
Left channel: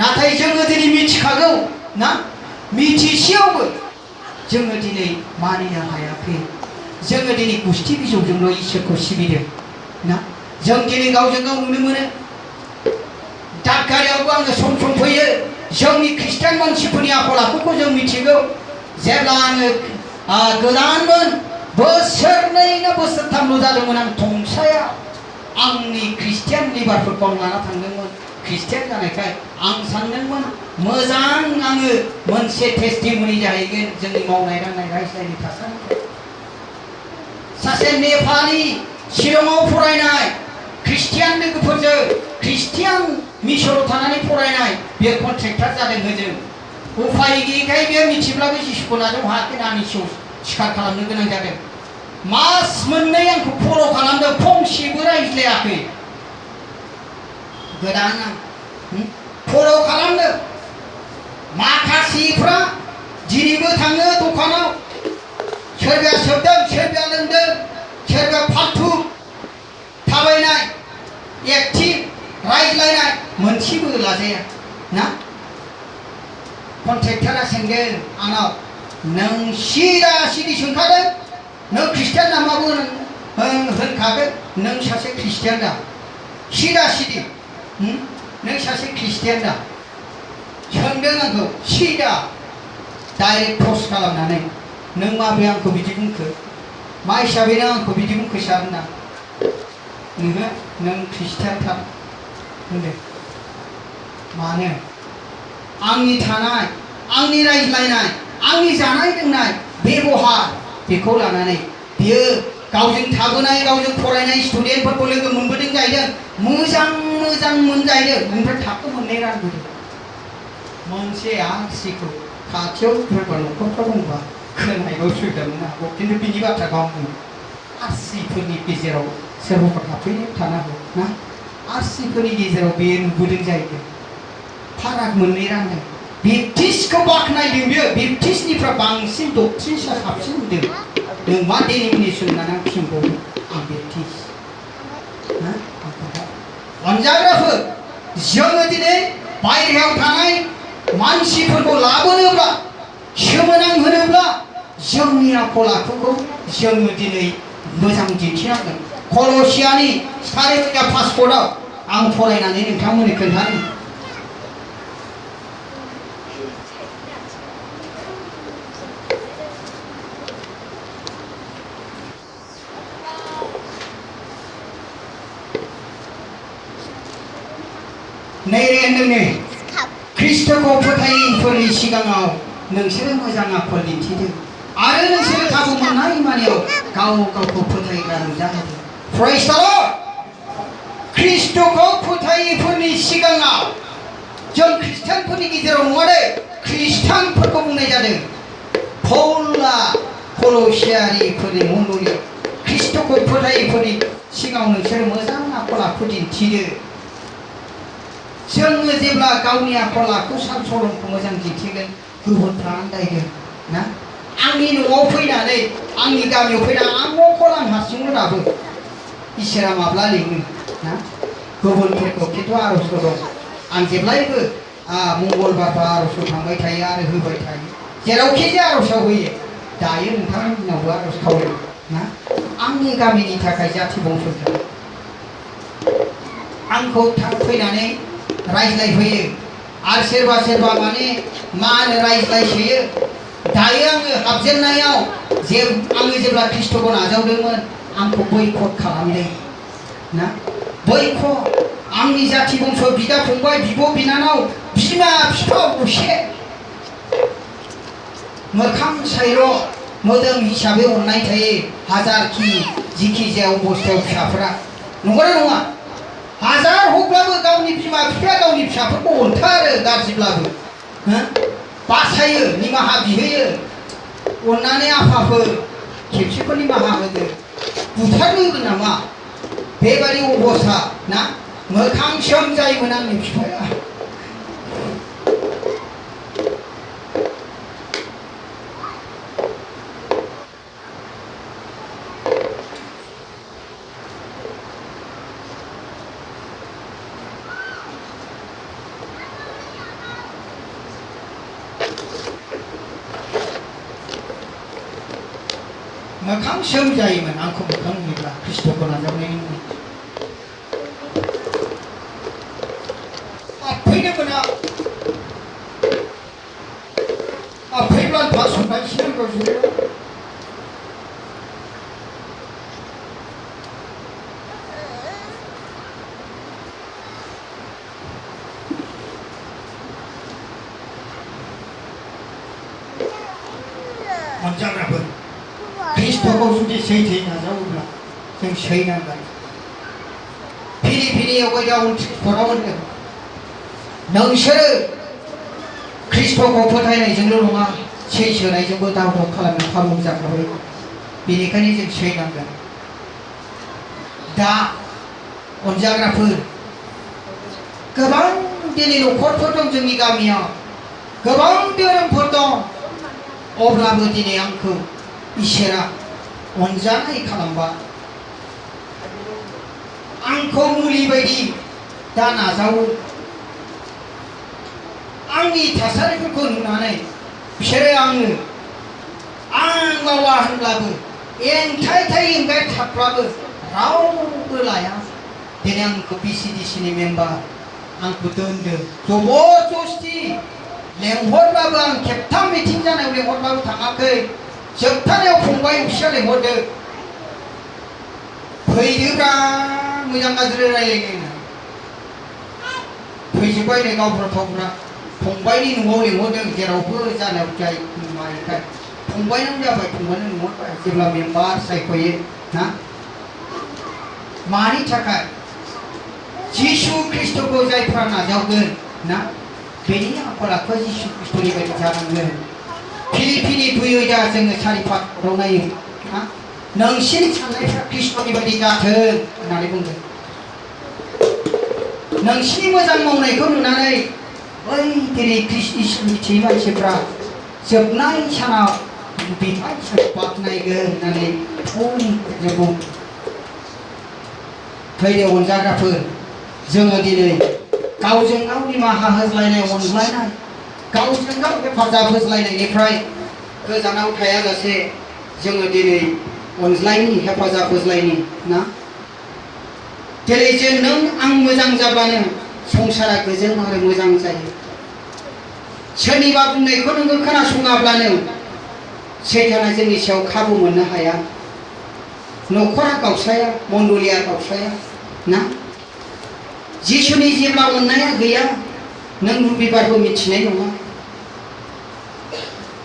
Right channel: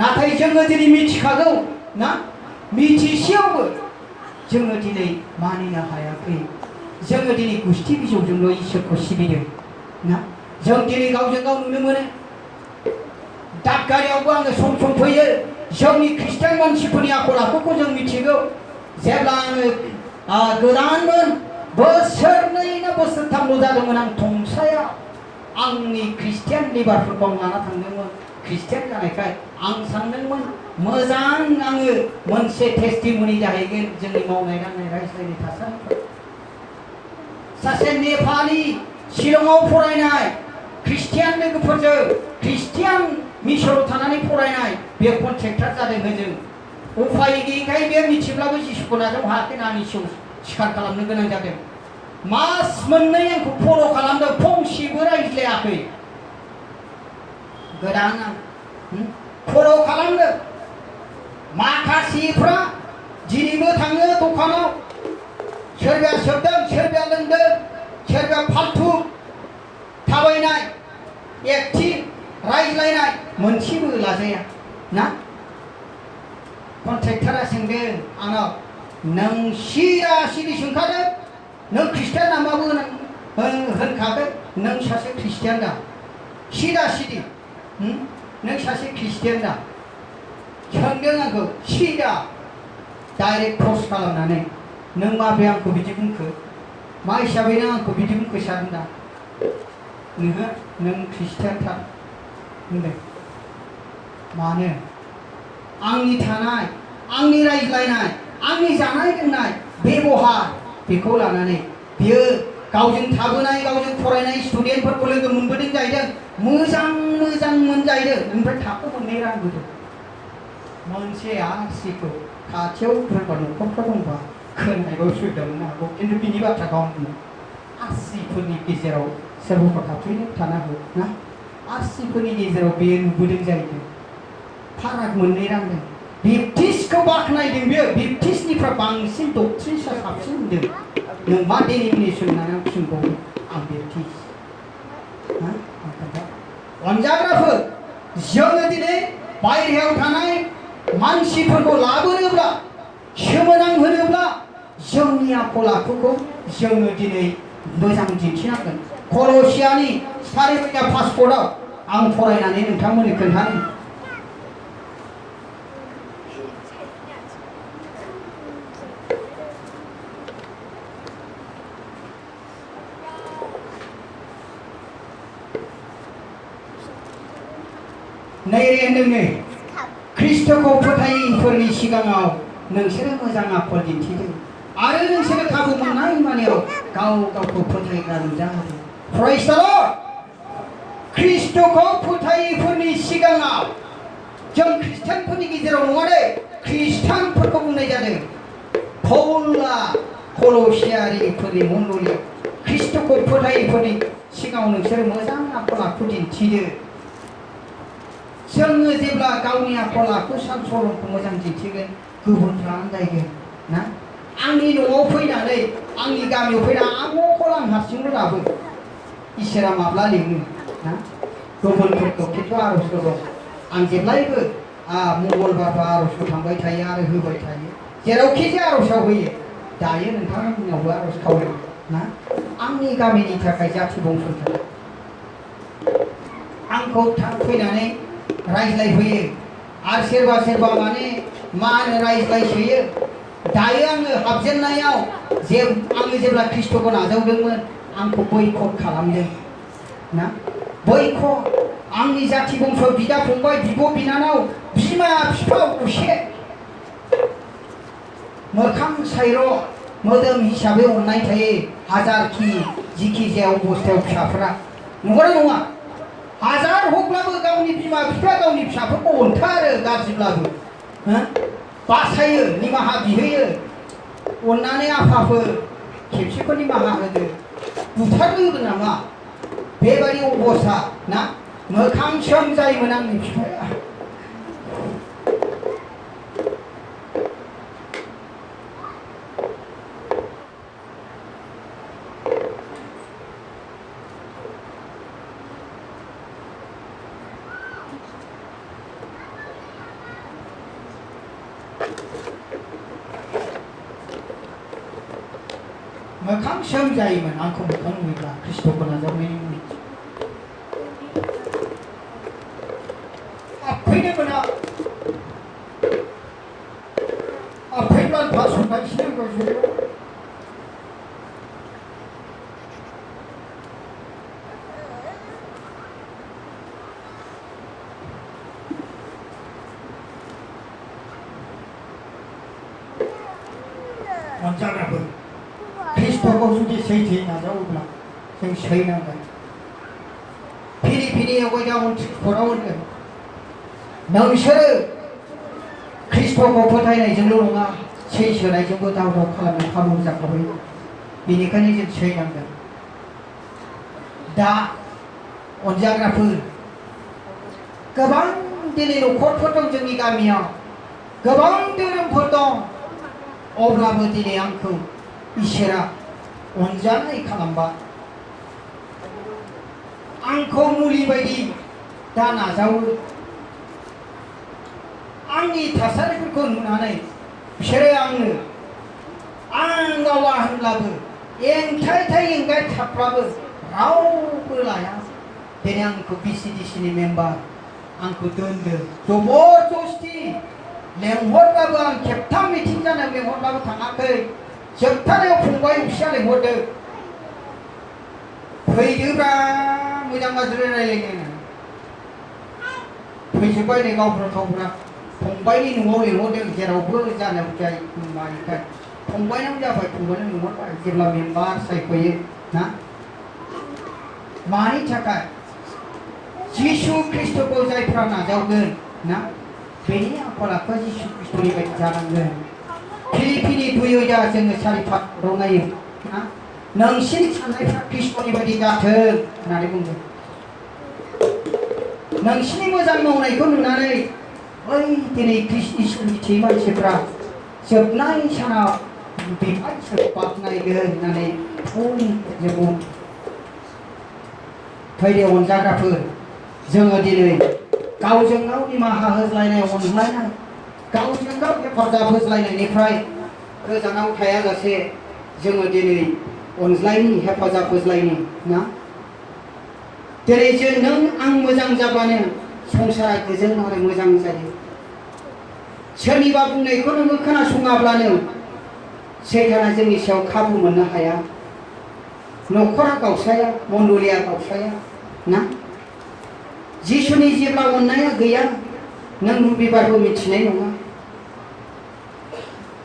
नाथाय जोङो दिनै मिथिखागौ ना। मिथिसेयावबो जोङो दिनै मानिनो हायाखै। जोङो दिनै गुस्थि बिजौजोंल' इसोरखौ सिबिदों ना जों दिनै गावजों गाव नुनो मोनो दागगारियावबो आङो सम सम फैयो जोंनि ख्रिस्टियान मानसिफोरनि आखल आखुखौ जों मिथिगौ जेब्ला आङो गोदानमोन बोसोरनै ना बोसोरथामल' जादोंमोन आं थंसाया आंनि ख्रिस्टियान लिबारफोरखौ आं लाना थांदोंमोन ख्रिस्टियान जानायखाय आं सानदोंमोन मोजां आङो मोनसे टेस्टिमनि जाहैगोन जोंनि मावनाय दांनाय रायज्लायनाय थासारिखौ सासे नेपालि शिलंआव फरायनाय ख्रिस्टियान लोगोफोरजों ख्रिस्टियान मिसनाव थानानै फरायनाय बे कन्ट्रेक्टर जादों होजों उफाय गैयैखाय बे मिथिब्लाबो जिसुखौ नाजाव हायाखै आंनि सायाव सिखार खालामनो गोनां जादों मास मोननै आंखौ फल' खालामदों फंसेबो रायज्लायाखै गोदान आं फल' खालामदों माखासेफ्रा दिनैबो थाङो दखानाव सोरबाया सोबदों सोरबाया लोंदों सोरबाया फालथु थाबायनाय एक्टिभ रायज्लायनाय मोनसेबो लाजाया ना कन्ट्रेक्टरा सोंदों आंनाव नों सिदा सिदि सोंखादों नों ख्रिस्टियान नामाबो होनखागोन नों सासे ख्रिस्टियान दा सिदा सिदि नों सासे ख्रिस्टियान दा सोंदों आंखौ सिदा डाइरेक्ट क्रस खालामनानै नों माबोरै आंखौ बिदि बुंखो मा हिसाबै नों आंखौ बिदि बुंखो सार होनना नोङो नों ख्रिस्टियान थार होनदों मानो आंनि थानाय आंनि रायज्लायनाय आंनि जानाय लोंनाय बेबहार बेखौ लानानै बियो गावजों थाबोनाय गावजों फरायनाय स्टुडेन्टफोरखौ लोगो मोनबोदों जाहैदों मोजां मोजां मोनजाहैदों ओमफ्राय थाखो मोननै रानबोदों मोनसे आरसिखौ खाथियाव सोरबा न'खरफ्राव दंबा खोनायबाव सोदोंमोन हागौ खिन्थु बिनि बाथ्राखौ आं बुङो आरसिफोरनि गेजेराव सोरबाफोर हाबफैनो थानो हागौ ना आरसिफोरनि गेजेराव बेयो नुबोदों जाहैदों फाराग मोननै रानदों बेप्टिस्टखौ बाख्नायदों बियो बेप्टिस्टनिफ्राय बांसिन डक्ट्रिन्सआ साबसिन होदों नों मा डेनिमिनेसन होननानै आं फिनबावो आं बेप्टिस्ट अनजाग्राफोर जोङो दिनै बायहेरायाव थानाय मानसिफोरखौ लाबोनोब्ला सोमोनांहोनोब्ला जोंनि आखल आखुखौ जोङो दिनै मोजां दिन्थिनांगोन कलसियानि 4 पासपर्टआव आं फरायनानै नोंथांमोननो खोन्थानो नैरे ख्रिस्ट'खौ फोथायैफोरनि सिगाङाव नोंसोरो मोजां आखल दिन्थिदों आरो नोंसोरो खाबु मोननाय मानियाव गाव गावखौ फोथायग्रा नुजाहोदों प्रेज द लर्ड ख्रिस्ट'खौ फोथायैफोरनि सिगाङाव जों ख्रिस्टानफोरनि गेजेराव नङा दे ख्रिस्टानफोरखौ बुंनाय जादों पौलआ कलसियारिफोरनि मण्डलियाव ख्रिस्ट'खौ फोथायैफोरनि सिगाङाव नोंसोरो मोजां आखल आखु दिन्थिदो जोङो जेब्ला गावनि आखल आखु सान सलमखौ मोजां दिन्थिगोन गुबुनफ्रा आन्दायगोन ना आंनि न'आव फैनानै आंनि गामियाव फैनानै आं न'खौ आं हारसिंल' दाबो इसोरा माब्ला लिङो ना गुबुनफोरखौ खिन्थु आर'जबो दं आं जेब्लायबो मंगलबारबा आर'जखौ थांबाय थायो आरो होबाय थायो जेरावखि जाया आर'जआव होयो दायो नोंथांमोननावबो आर'ज खावलायो ना आंनि गामिनि थाखाय जाथि बंस'नि आंखौ फैनानै रायज्लायफैयो आरो सोरबा सोरबा माने मा होनो रायज्लायसोयो दायो आङो हाबजेननायाव आङो जेब्ला ख्रिस्ट'खौ नाजावदोंमोन आंखौ बैकट खालामदों ना बैकट आंनि जाथि बंस बिदा फंबाय बिब' बिनानाव बिमा बिफा असे मोखां सायर' मोदोम हिसाबै अननाय थायो हाजारखि जिखि जाया अबस्थायाव फिसाफ्रा नंगौना नङा हाजार हकब्लाबो गावनि बिमा बिफाया गावनि फिसाफोरखौ अनथारो गाज्रिब्लाबो बासायो निमाहा बिहोयो अननानै आफाफोर खेबसेफोर निमाहा होदो बुथारनो होगोन नामा बेबायदि अबस्था ना मोखां सोम जायोमोन आंनि बिफाया मोखां सोम जायोमोन आंखौ मोखां नुयोब्ला ख्रिस्ट'खौ नाजावनायनि मुङै हाबफैनो मोना हाबफैब्ला थास'नायसो गावसोरो अनजाग्राफोर ख्रिस्ट'खौ जुदि सैथोयै नाजावोब्ला जों सैनांगोन फिरि फिरि आवगायदाव फराव होनदों नोंसोरो ख्रिस्ट'खौ फोथायनायजोंल' नङा सैसोनायजोंबो दाव दाव खालामनो खाबु जाखाबाय बेनिखायनो जों सैनांगोन दा अनजाग्राफोर गोबां दिनै न'खरफोर दं जोंनि गामियाव गोबां धोरोमफोर दं अब्लाबो दिनै आंखौ इसोरा अनजानाय खालामबाय आंखौ मुलि बायदि दा नाजावो आंनि थासारिफोरखौ नुनानै बिसोरो आङो आं बावा होनब्लाबो एंगाय थाब्लाबो रावबो लाया दिनै आंखौ बिसिडिसिनि मेम्बार आंखौ दोनदो जबरदस्ति लेंहरब्लाबो आं खेबथाम मिटिं जानायाव लेंहरब्लाबो थाङाखै जोबथारनायाव फंबाय फिसा लेंहरदों फैदोब्रा मोजां गाज्रि रायलायनो फैजोब्बाय नै गावफ्रा थावफ्रा फंबायनि न'आव लेंहरदों जेरावबो जानायाव जाय मानिखाय फंबायनाव जाबाय फंबायनाव लेंहरबाय जेब्ला मेम्बार सायख'यो ना मानि थाखाय जिसु ख्रिस्ट'खौ जायफ्रा नाजावगोन ना बेनि आखल आखुआ जिसु ख्रिस्ट'नि बायदि जानांगोन फिलिपिनि फैयो दा जोङो सारि फाखराव नायो ना नोंसिनि साननायफ्रा ख्रिस्ट'नि बायदि जाथों होननानै बुंदों नोंसिनि मोजां मावनायखौ नुनानै बै दिनै इसोर मिथियै मानसिफ्रा जोबनाय सानाव बिबार बाख्नायगोन होननानै बुं फैदो अनजाग्राफोर जोङो दिनै गावजों गाव निमाहा होज्लायनाय अनज्लायनाय गावजों गाव हेफाजाब होज्लायनायनिफ्राय गोजानाव थायालासे जोङो दिनै अनज्लायनि हेफाजाब होज्लायनि ना दिनै जों नों आं मोजां जाब्लानो संसारा गोजोन आरो मोजां जायो सोरनिबा बुंनायखौ नोङो खोनासङाब्लानो सैताना जोंनि सायाव खाबु मोननो हाया न'खरा गावस्राया मण्डलिया गावस्राया ना जिसुनि जेब्ला अननाया गैया नों रबिबारबो मिथिनाय नङा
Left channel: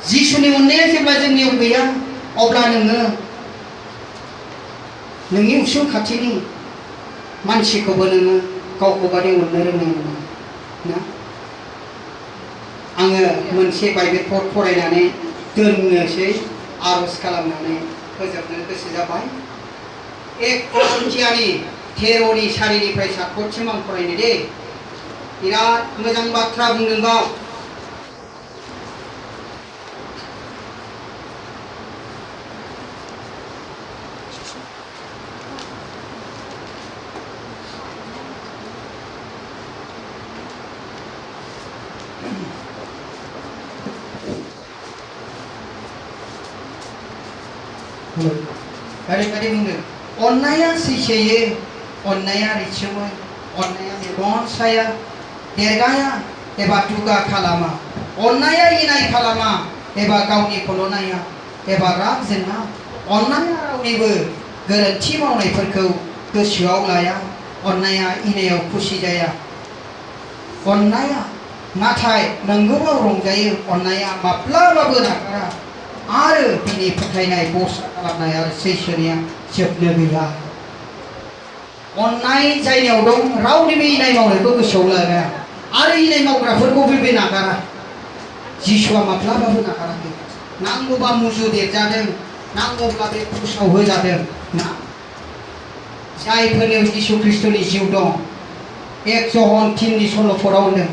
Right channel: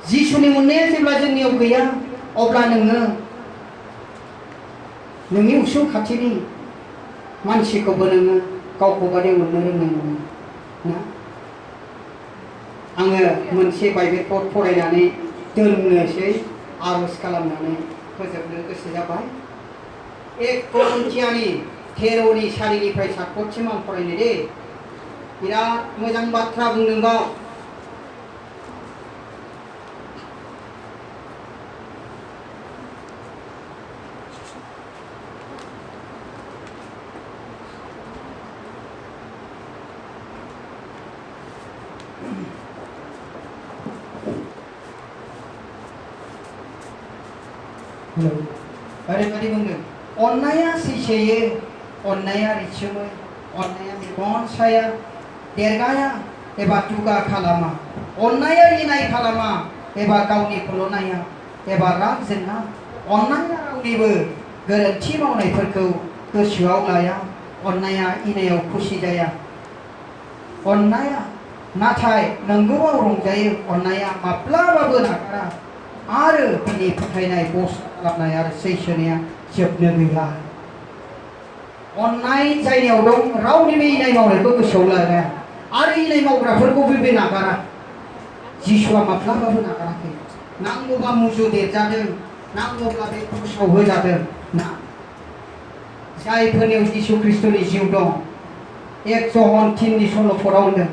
जिसुनि अननाया जेब्ला जोंनियाव गैया अब्ला नोङो नोंनि उसुं खाथिनि मानसिखौबो नोङो गावखौ बादि अननो रोंनाय नङा ना आङो मोनसे बाइबेलखौ फरायनानै दोननोसै आर'ज खालामनानै फोजोबनो गोसो जाबाय 1 करन्थियानि 13नि 4निफ्राय 7 आं फरायनो दे बिराद मोजां बाथ्रा बुंदों गाव ओरैबायदि बुंदों अननाया सैसोयो अननाया रिसोमो अननाया मेगन साया देरगाया एबा दुगा खालामा अननाया इनाय खालामा एबा गावनिखौल' नाया एबा राग जोङा अननाया रावनिबो गोरोन्थि मावनायफोरखौ गोसोआव लाया अननाया इनायाव खुसि जाया अननाया नाथाय नंगौआव रंजायो अननाया माब्लाबाबो नागारा आरो बिनि फोथायनाय बसा खालामनाय आरो सैसोनिया जोबनो गैया अननाय जायनियाव दं रावनिबो इनाय मावनायखौ गोसोआव लाया आरो इनाय मावग्राफोरखौ बे नागारा जिसुआ माब्लाबाबो नागाराखै नांगौबा मुजु देरजादों नांगौब्ला बे क्रुसाव होजादों ना जायफोरनियाव जिसु ख्रिस्ट'नि जिउ दं 1 जन 3नि सल'फोराव होनदों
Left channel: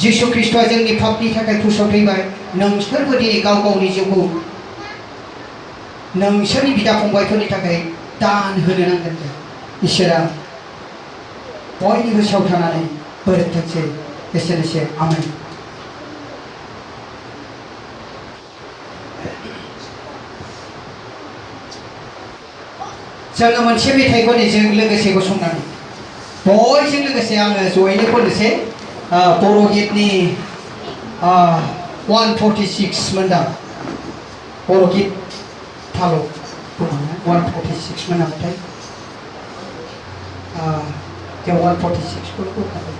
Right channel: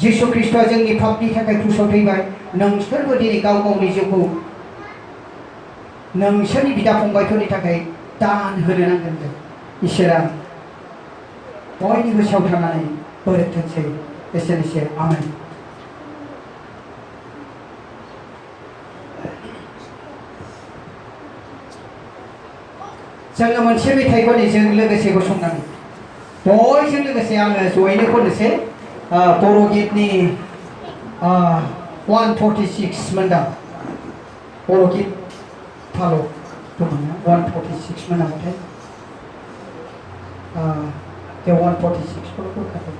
जिसु ख्रिस्ट'आ जोंनि पापनि थाखाय क्रुसाव थैबाय नोंसोरबो दिनै गाव गावनि जिउखौ नोंसोरनि बिदा फंबायफोरनि थाखाय दान होनो नांगोन इसोरा बयनिबो सायाव थानानै बोरथोंसै एसेनोसै आमेन जोङो मोनसे मेथाइखौ जों लोगोसे गसंनानै बयजों लोगोसे आङो जयैनो खननोसै बर' गितनि 146 मोनदां बर' गित थाल' दङ 146 मोन नामाथाय जों 146 खौ होखाबाय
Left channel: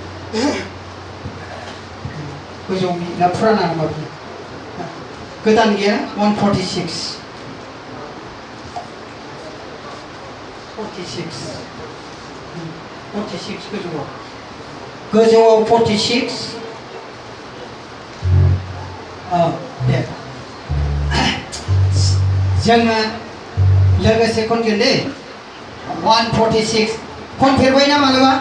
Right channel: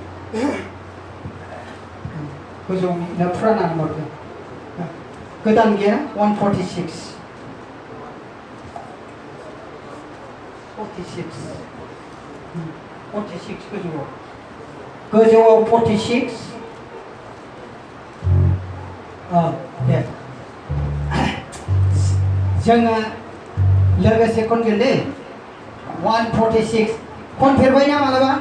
गोजौनि ना फुराना नामा गोदान गैया 146 गोजौआव 46 दे जोङो लोगोसे खनगोन दे 146 खनफेरबाय ना मालाबा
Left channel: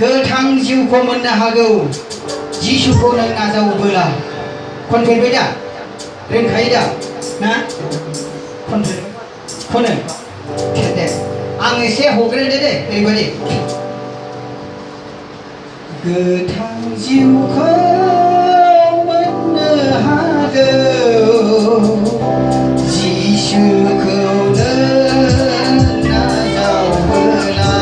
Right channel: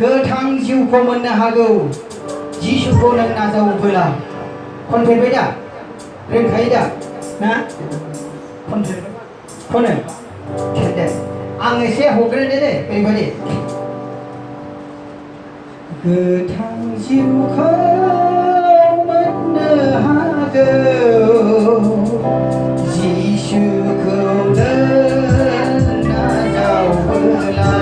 गोथां जिउखौ मोननो हागौ जिसुखौ नों नाजावोब्ला खनफेरबाय दा रोंखायो दा ना खनो दे आं एसे हग्रोदो दे ओरैबायदि गोथां जिउखौ मोननो हागौ जिसुखौ नाजावोब्ला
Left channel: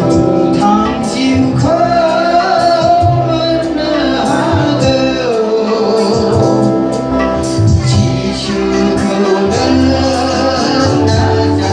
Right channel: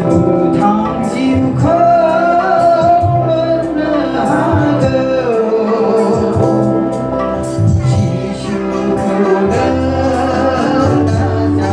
गोथां जिउखौ मोननो हागौ जिसुखौ नाजावोब्ला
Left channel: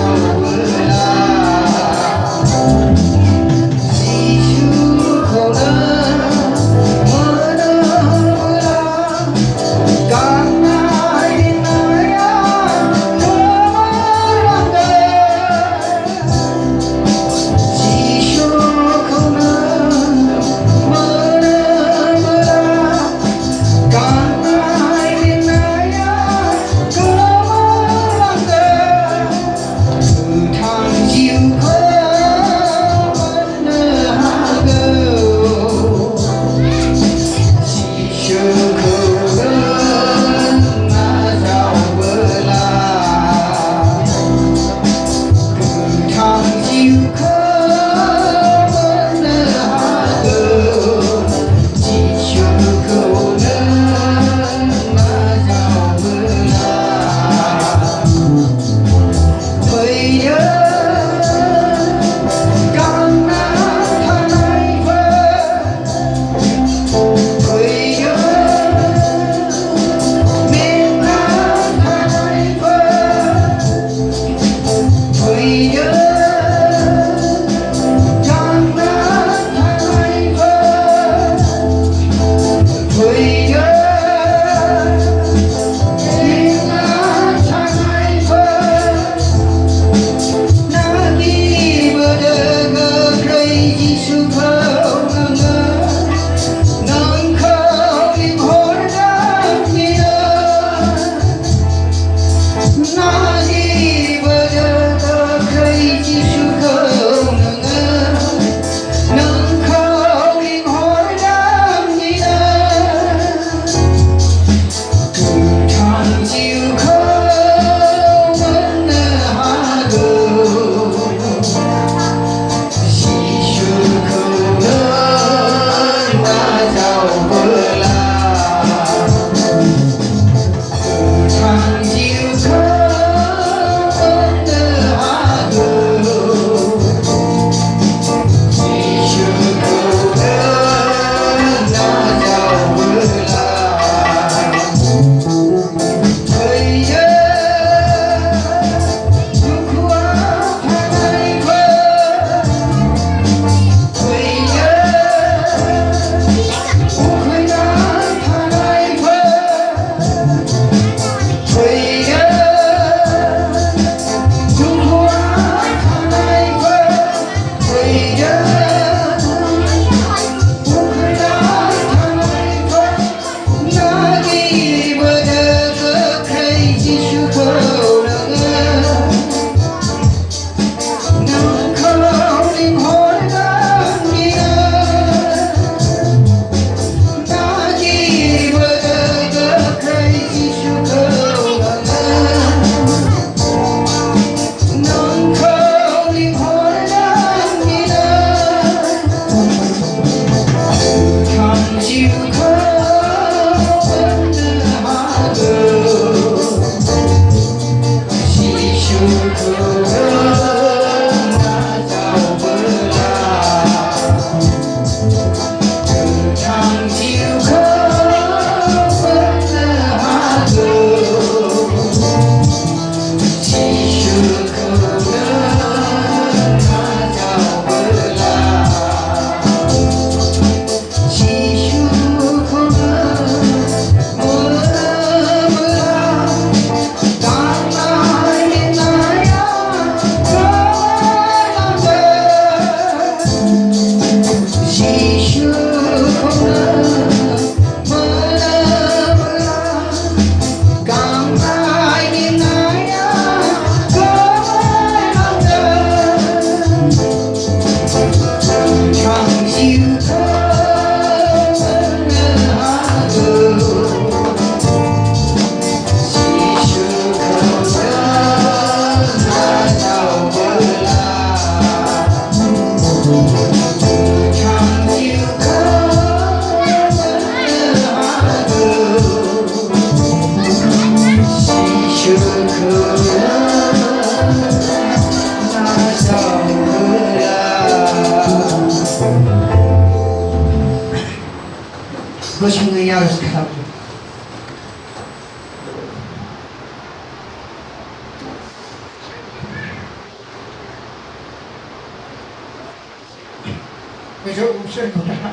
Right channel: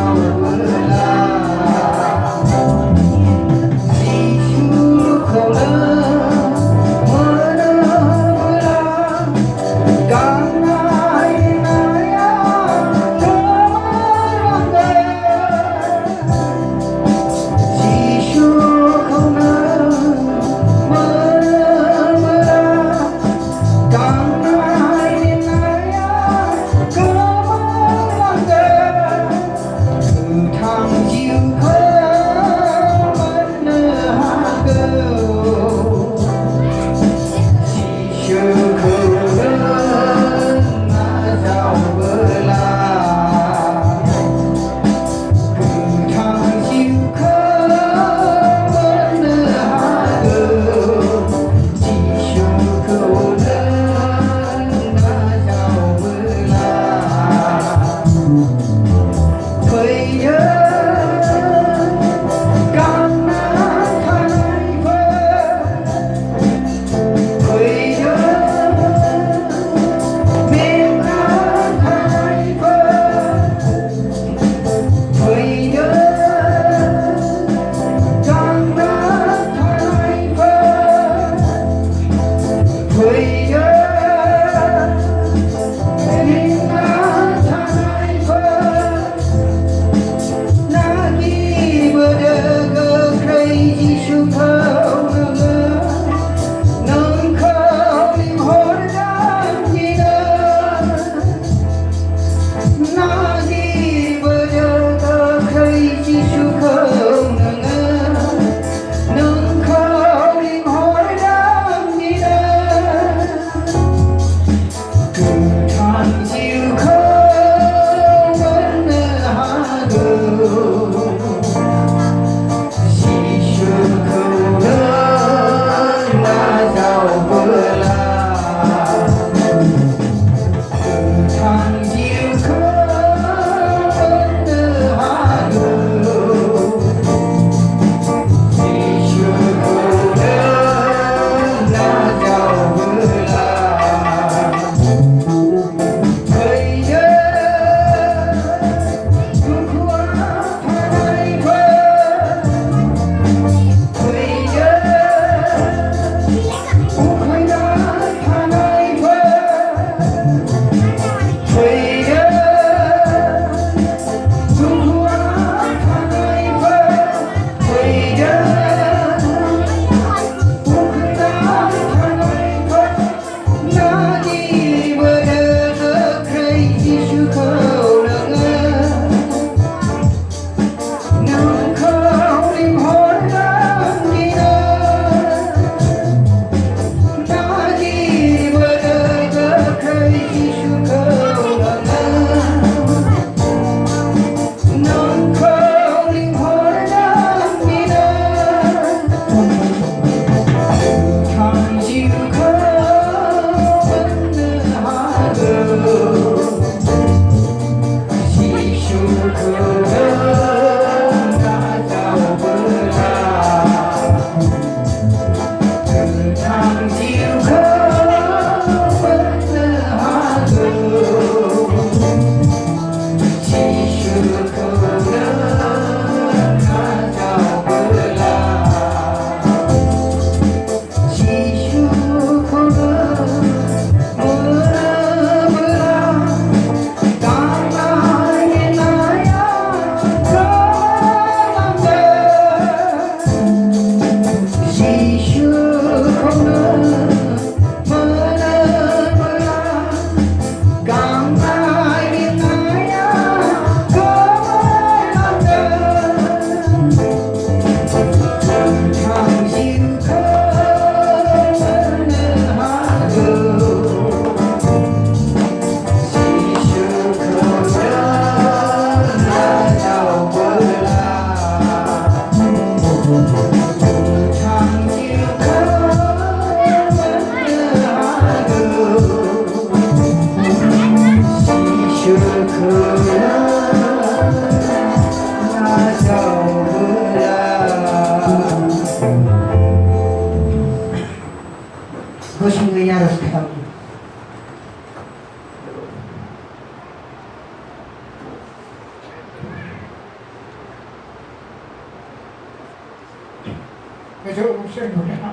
गोजौ सोरगोआ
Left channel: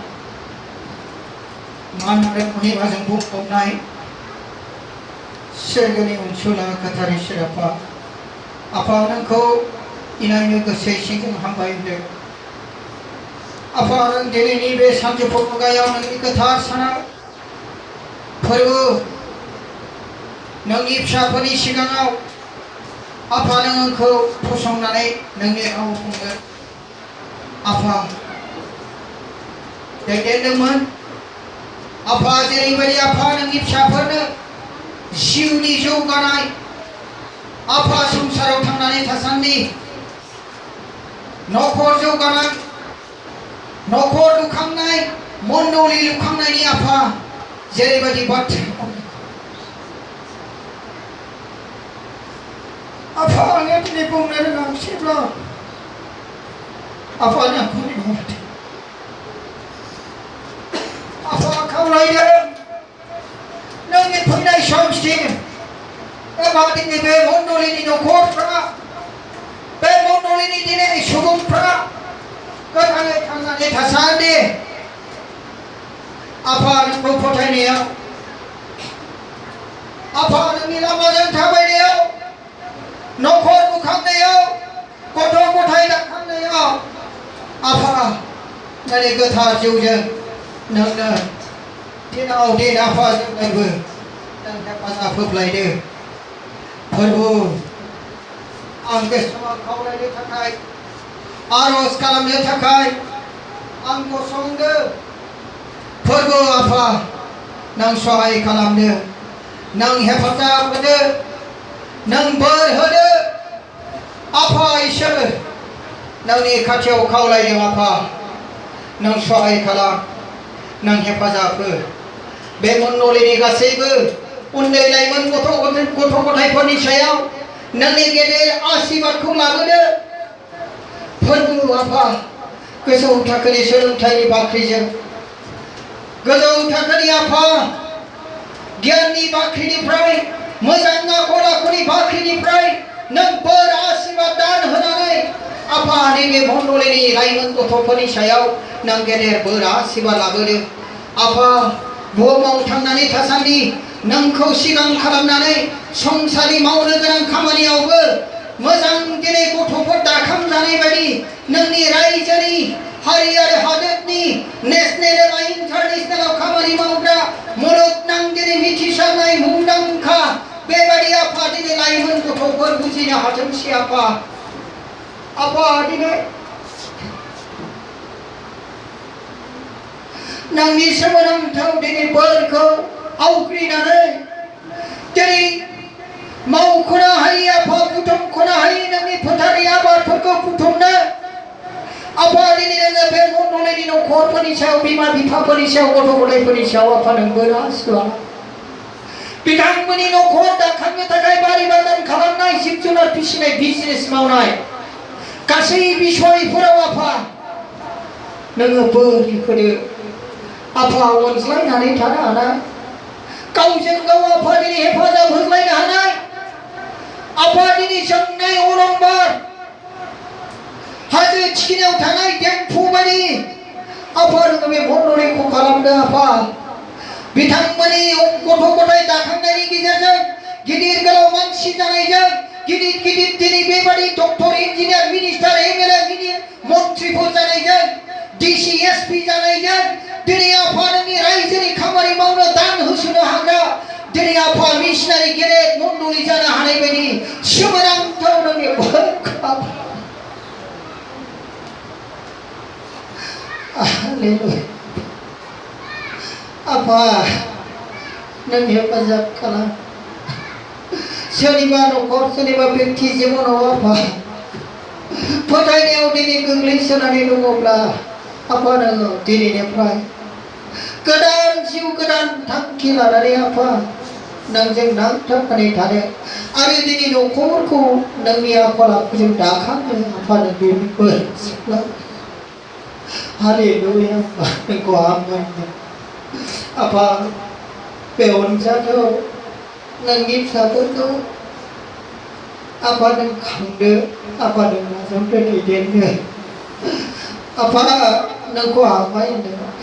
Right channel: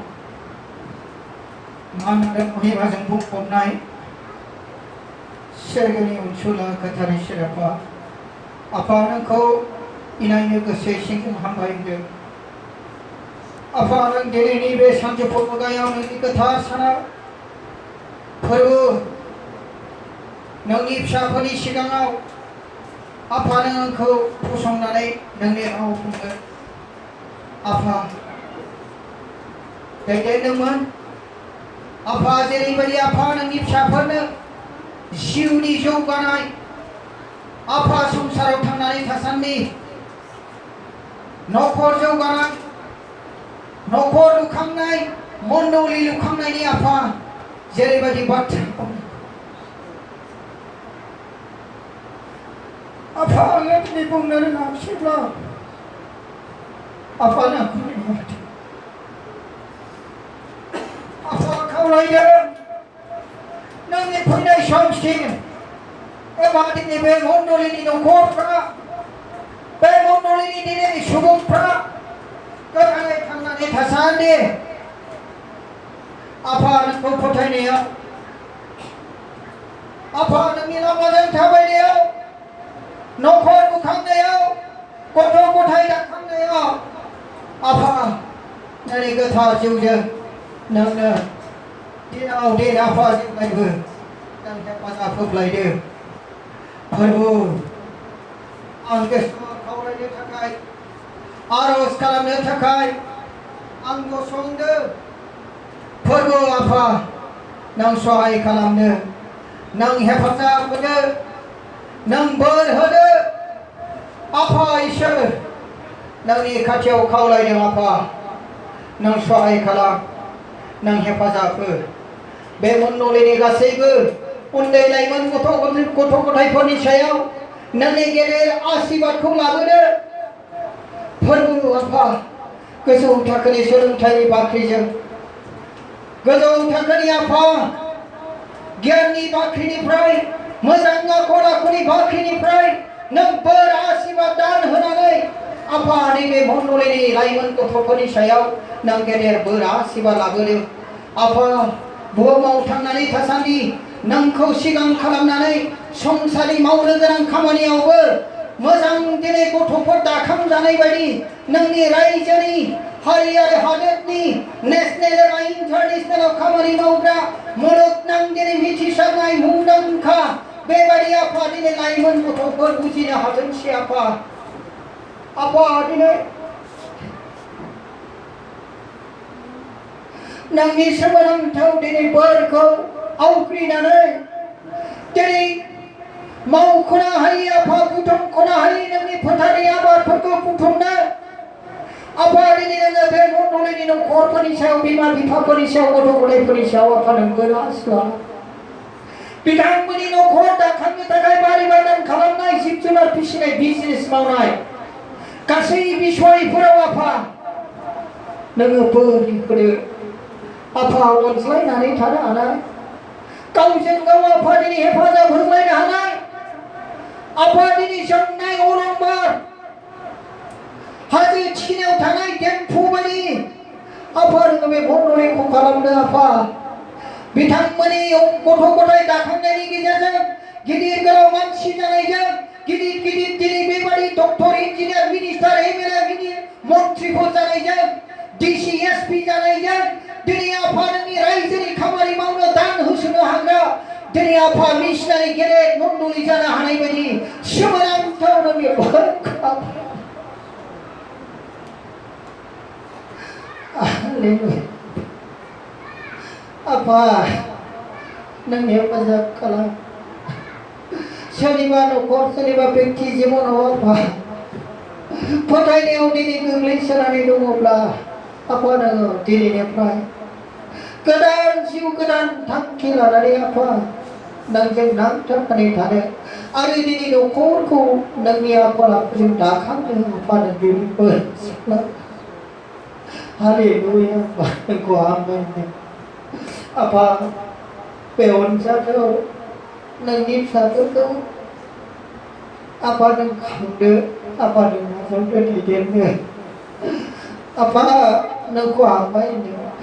मान आरो महिमाजों बुंफबनाय सोरगोनि अनसुला गोथार इसोर आफा आफा नोंखौ इनायनो गोसो सिंजों हामबाय होदों आफा नों दिनैनि बे सानजौफु मुगायाव नोंनि गोथार सानाव फोरबो नोंनि फिसाफोरनि सिगाङाव आफा नों आंखौ फसंनानै नोंनि राव बुंगोन आफा दैदेनदोंमोन आफा जेरैबायदि आफा नोंनि फिसाफोरनो जिउनि जौगानाय आफा संसाराव थांनानै थासान्दि न'खर जौगानाय न'खर लुखांनाय मण्डली लुखांनायनि आफा जेरैबायदि बाथ्रा आफा आङो दिनै बुंनो रोङासैब्ला आफा नोंखौ लिंहरदों आफा खावलायदों नोंनि फैनाय समसिम एबा दिनै बे मण्डलीनि न'खरफ्रा बे मण्डलीनि दिनै सुबुंफ्रा गोथाङै थांनानै थासान्दि आफा नोंखौ फोथायनायाव आफा नोंनि लामाजों थाबायनायाव न'खर लुखांनायाव गथ' गथाय दाखांनायाव आफा नोंनि गोथार जिउजों नोंनो दिनाव दिन आफा जेब्लायबो नों हेफाजाब होब्लायदो फोरबो आं गोसोआव खावलायनो थाखाय आर'ज खालामनो थाखाय आं गसंदो फोरबो आफा नों सहाय खालामनो नों हेफाजाब होदो नों बोर होदो आफा इसोर नोंनि खाथियाव खावलायदों आफा नों सहाय खालाम नों हेफाजाब हो बे मण्डलीनि गासैबो उन्दै लाइमोन गथ' गथायफोरनि सायाव नोंनि गेदेर आशीर्बादखौ लाबोदो फोरबो आफा गोजौ थाखोनि सोलोंथाइनि बाख्रिजों गोजौ थाखोनि आफा गियाननि बाख्रिनिफ्राय मोजां आखल आखुनि बाख्रिनिफ्राय नों बोर आशीर्बाद दान होनानै आफा नैबे मण्डलीनि लाइमोन गथ'फोरनि सायाव नों गेदेर बोर आशीर्बाद लाबोदो आफा बुहुमाव थांनानै थासान्दि नोंखौ सिगां खालामनानै संसारि मावनो गोनां खामानियावबो मोजां दिनै गथ'फोर दाखांजानाय बायदि नोंनि रायजोनि हारि आरो हादोरनि नेशनेल एबा इन्टारनेशनेलाव खामानि मावग्रा मुलुगनां दिनै मिथिसारनाय मुंदांखा बेबायदि आफा दिनै लाइमोन गथ'फोर बुजिनो हाथोंसै आफा दिनै नोंनि सोमोनांथाव दिनै बोरखौ आवग्रिनानै दिनै मावख'नो हायै आफा बुथुमख'नो हायै नोंनि फोथारनि आबादफोरखौ बुथुमनो आफा दिनै नोङो बे मण्डलीनि न'खरफोरनि सायाव बिमा बिफाफोरनि सायाव गथ' गथायफोरनि सायाव आफा नों बोर आशीर्बाद बिथांमोननि न'खर दाखांनो थाखाय बारि बागान खालामनाय जिब जुनार फिसिनाय बिजनेस मावनाय गासै बिसयफोराव आफा नोङो बोर होदो आफा अनज्लायनानै थानो हानाय गावजों गाव आफा दिनै हेफाजाब होलायनो हानाय आफा दिनै जोंनाय अलंबार हाजो थिखिनियाव थानाय देमफु बायदि आफा नोङो बे मण्डलीखौ खालामदो आफा बिथांमोननि गथ' गथाय दाखांनायनि गेजेरजों गिदिर गोलाव मानसि जानायजों गिदिर गिदिर दिनै बेबायदि डक्टर इन्जिनियार मिनिस्टार एमएलए गिदिर मन्थ्रिफोर जानायजों डिसि एसपि जानायजों दिनै आफा नोंनि रायजोनि खामानि मावनो दान होसोनो हाग्रा दिनै आफा मिशनारि गेदेर मण्डली जानो हानाय बायदि सोमोनांथाव नोंनि बोरखौ आफा नों हेफाजाब खालाम सोरनिबा न'खर सोरनिबा व्यक्ति जिबनाव आफा फोथायनायाव दिनै गोग्लैसोनानै दङब्ला आफा नोङो दिनैनिफ्राय गोदान जिउ गोदान थांखि लानानै आफा नोंजों नांथाबनानै थानो आरो दिनै न'खरखौ नोंनि आखल आखुजों दाखांनो आफा नों बेफोर हालेलुया आफा नोंखौ हामबाय आफा बे अनजालियाव नोंनि फिसाफोरखौ आफाजों खांदो, आफाजों नाजावदो, दैदेनदो। आफा नोंखौ हामबाय होनदों।